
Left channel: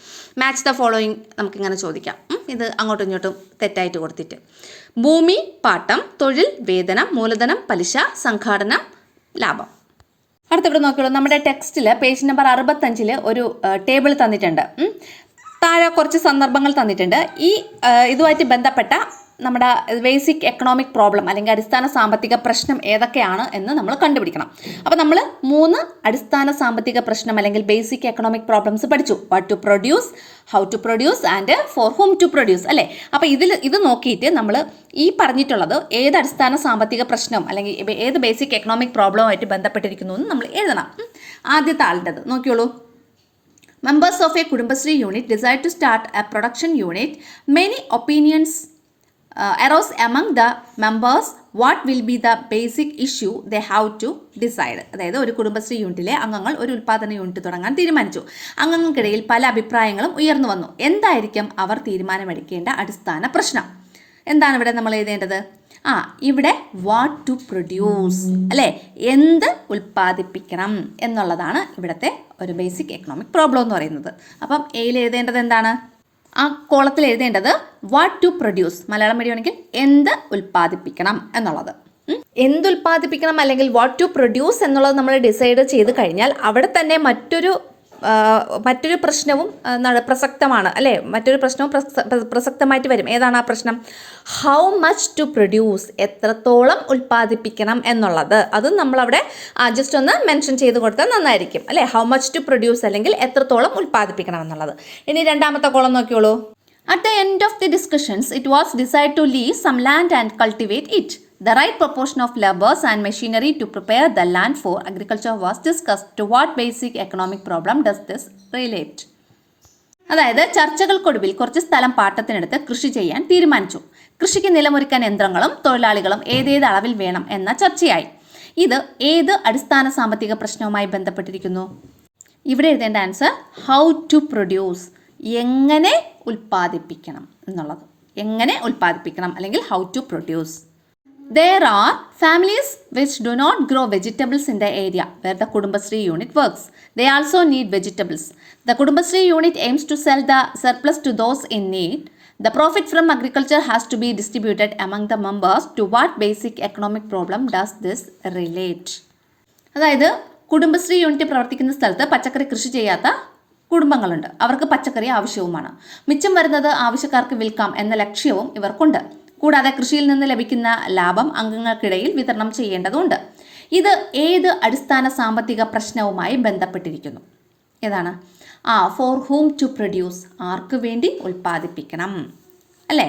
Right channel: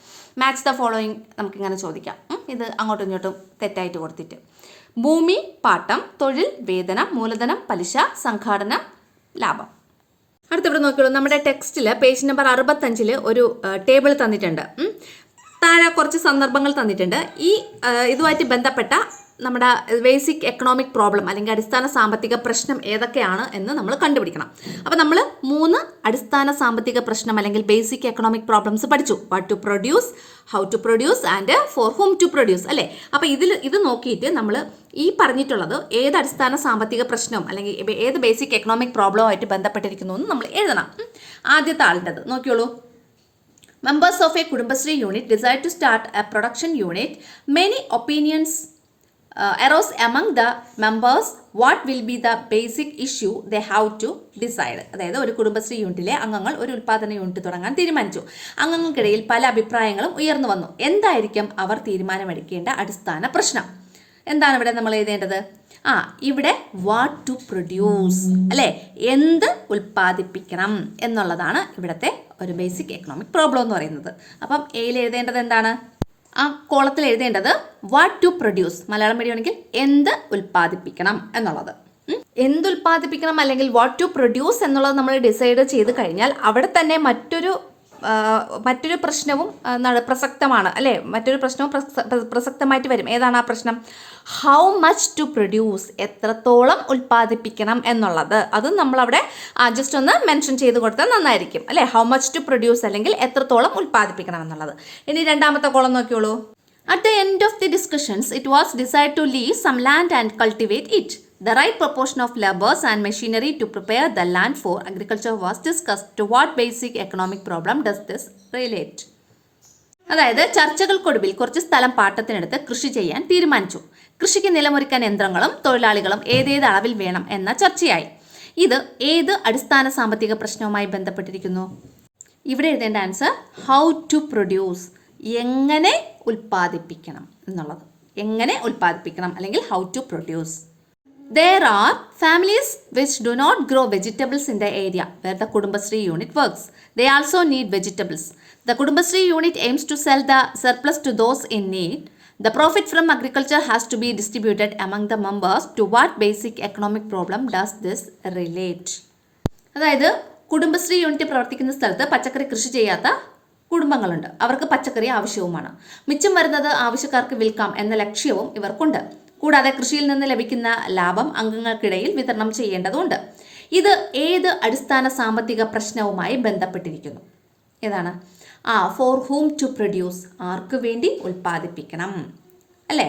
Match the following നമുക്കിങ്ങനെ ചോദിക്കാം. ഇത് അങ്ങോട്ടും ഇങ്ങോട്ടും തെറ്റായിട്ട് കൊടുത്തിട്ട്. ഭൂമി പാട്ടം, തൊഴിൽ വേതനം, മൂലധനം പലിശ, സംഘാടനം ലാഭം. അടുത്തിവിടെ നോക്കിയോളൂ, നമ്മുടെ ടെക്സ്റ്റിൽ പേജ് നമ്പർ 65 ഒരു ടേബിൾ തന്നിട്ടുണ്ട്. താഴെ കുറച്ച് സന്ദർഭങ്ങൾ തന്നിട്ടുണ്ട്. ഈ ഇതുമായിട്ട് ബന്ധപ്പെട്ട നമ്മുടെ ബേസിക് എക്കണോമിക് പ്രോബ്ലം അല്ലെങ്കിൽ അടിസ്ഥാന സാമ്പത്തിക പ്രശ്നം ഏതൊക്കെയാണ് എന്ന് നമ്മൾ കണ്ടുപിടിക്കണം. അപ്പോൾ നമ്മൾ 3 അടിസ്ഥാന സാമ്പത്തിക പ്രശ്നം അല്ലെങ്കിൽ ബേസിക് എക്കണോമിക് പ്രോബ്ലംസ് പഠിച്ചു. What to produce, how to produce and for whom to produce അല്ലേ. അപ്പോൾ ഇത് നോക്കിയിട്ട് നമ്മൾ ഈ പറഞ്ഞിട്ടുള്ളത് ഏത് അടിസ്ഥാന സാമ്പത്തിക പ്രശ്നം അല്ലെങ്കിൽ ഏത് ബേസിക് എക്കണോമിക് പ്രോബ്ലമായിട്ട് ബന്ധപ്പെട്ടിരിക്കുന്നു എന്ന് നമ്മൾ എഴുതണം. ആദ്യത്തെ ആളിൻ്റെത് നോക്കിയോളൂ. Members of a Kudumbashree unit decide to start a production unit. Many opinions arose among the members. What will be the basic issue they have to decide? അതായത് ഒരു കുടുംബശ്രീ യൂണിറ്റിലെ അംഗങ്ങൾ ഒരു ഉൽപ്പാദന യൂണിറ്റ് തുടങ്ങാൻ തീരുമാനിച്ചു. അംഗങ്ങൾക്കിടയിൽ പല അഭിപ്രായങ്ങളും ഉയർന്നു വന്നു. എന്തായിരിക്കും അവർ തീരുമാനമെടുക്കേണ്ട അടിസ്ഥാന പ്രശ്നം? എന്താണ് ഇവിടെ നമ്മൾ എഴുതേണ്ടത്? ഇവിടെ വാട്ട് ടു പ്രൊഡ്യൂസ് അല്ലേ, എന്ത് ഉൽപ്പാദിപ്പിക്കണം എന്നുള്ളതാണ് ഇവിടുത്തെ ഒരു ബേസിക് എക്കണോമിക് പ്രോബ്ലം എന്ന് പറയുന്നത്. അപ്പം എയിൽ എഴുതേണ്ടത് എന്താണ്? ആ കോളത്തിൽ എഴുതേണ്ടത് വാട്ട് ടു പ്രൊഡ്യൂസ്, മലയാളം മീഡിയമാണെങ്കിൽ എന്ത് ഉൽപ്പാദിപ്പിക്കണം എന്നുള്ളത്. എന്തുൽപ്പാദിപ്പിക്കണം അല്ലെങ്കിൽ വാട്ട് ടു പ്രൊഡ്യൂസ് എന്നുള്ളത് നമ്മൾ ഡിസൈഡ് ചെയ്ത് കഴിഞ്ഞാൽ അവിടെ തന്നെ മറ്റൊരു പ്രശ്നവും പ്രസക്തമാണ് അല്ലേ. മറ്റൊരു പ്രശ്നവും പ്രസക്തമായിട്ട് വരും. ഏതാണ് ആ പ്രശ്നം? ഹൗ മച്ച് ടു പ്രൊഡ്യൂസ്, എത്രത്തോളം ഉൽപ്പാദിപ്പിക്കണം എന്നുള്ളത്. അതും നമ്മളവിടെ ജസ്റ്റ് ഒന്ന് മെൻഷൻ ചെയ്ത് കൊടുത്താൽ നന്നായിരിക്കും അല്ലേ. ഹൗ മച്ച് ടു പ്രൊഡ്യൂസ് അല്ലെങ്കിൽ എത്രത്തോളം ഉൽപ്പാദിപ്പിക്കണം എന്നുള്ളത്. ഇനി രണ്ടാമത്തെ column നോക്കിയോളൂ. At the end of the discussions, it was decided to leave some land and cultivate it. The right proportion of laborers and machinery to prepare the land for agriculture was discussed. To what basic economic problem does this relate? അതായത് ചർച്ചകൾക്കൊടുവിൽ കുറച്ച് സ്ഥലം പാട്ടത്തിനെടുത്ത് കൃഷി ചെയ്യാൻ തീരുമാനിച്ചു. കൃഷിക്ക് നിലമൊരുക്കാൻ യന്ത്രങ്ങളും തൊഴിലാളികളും ഏതേത് അളവിൽ വേണം എന്ന ചർച്ചയായി. ഇത് ഏത് അടിസ്ഥാന സാമ്പത്തിക പ്രശ്നവുമായി ബന്ധപ്പെട്ടിരിക്കുന്നു? ഇവിടെ എഴുതേണ്ട ആൻസർ ഹൗ ടു പ്രൊഡ്യൂസ്, എങ്ങനെ ഉൽപ്പാദിപ്പിക്കണം എന്നുള്ളത്. എങ്ങനെ ഉൽപ്പാദിപ്പിക്കണം അല്ലെങ്കിൽ how to produce. There are families which do not grow vegetables in the area where the Kudumbashree unit works. They also need vegetables. The Kudumbashree unit aims to sell the surplus to those in need. The profit from agriculture has to be distributed among the members. To what basic economic problem does this relate? അതായത് കുടുംബശ്രീ യൂണിറ്റ് പ്രവർത്തിക്കുന്ന സ്ഥലത്ത് പച്ചക്കറി കൃഷി ചെയ്യാത്ത കുടുംബങ്ങളുണ്ട്. അവർക്ക് പച്ചക്കറി ആവശ്യവുമാണ്. മിച്ചം വരുന്നത് ആവശ്യക്കാർക്ക് വിൽക്കാം എന്ന ലക്ഷ്യവും ഇവർക്കുണ്ട്. കൂടാതെ കൃഷിയിൽ നിന്ന് ലഭിക്കുന്ന ലാഭം അംഗങ്ങൾക്കിടയിൽ വിതരണം ചെയ്യേണ്ടതുണ്ട്. ഇത് ഏത് അടിസ്ഥാന സാമ്പത്തിക പ്രശ്നവുമായി ബന്ധപ്പെട്ടിരിക്കുന്നു? ഏതാണ്? ഫോർ ഹൂം ടു പ്രൊഡ്യൂസ്, ആർക്ക് വേണ്ടി ഉൽപ്പാദിപ്പിക്കണം, അല്ലേ?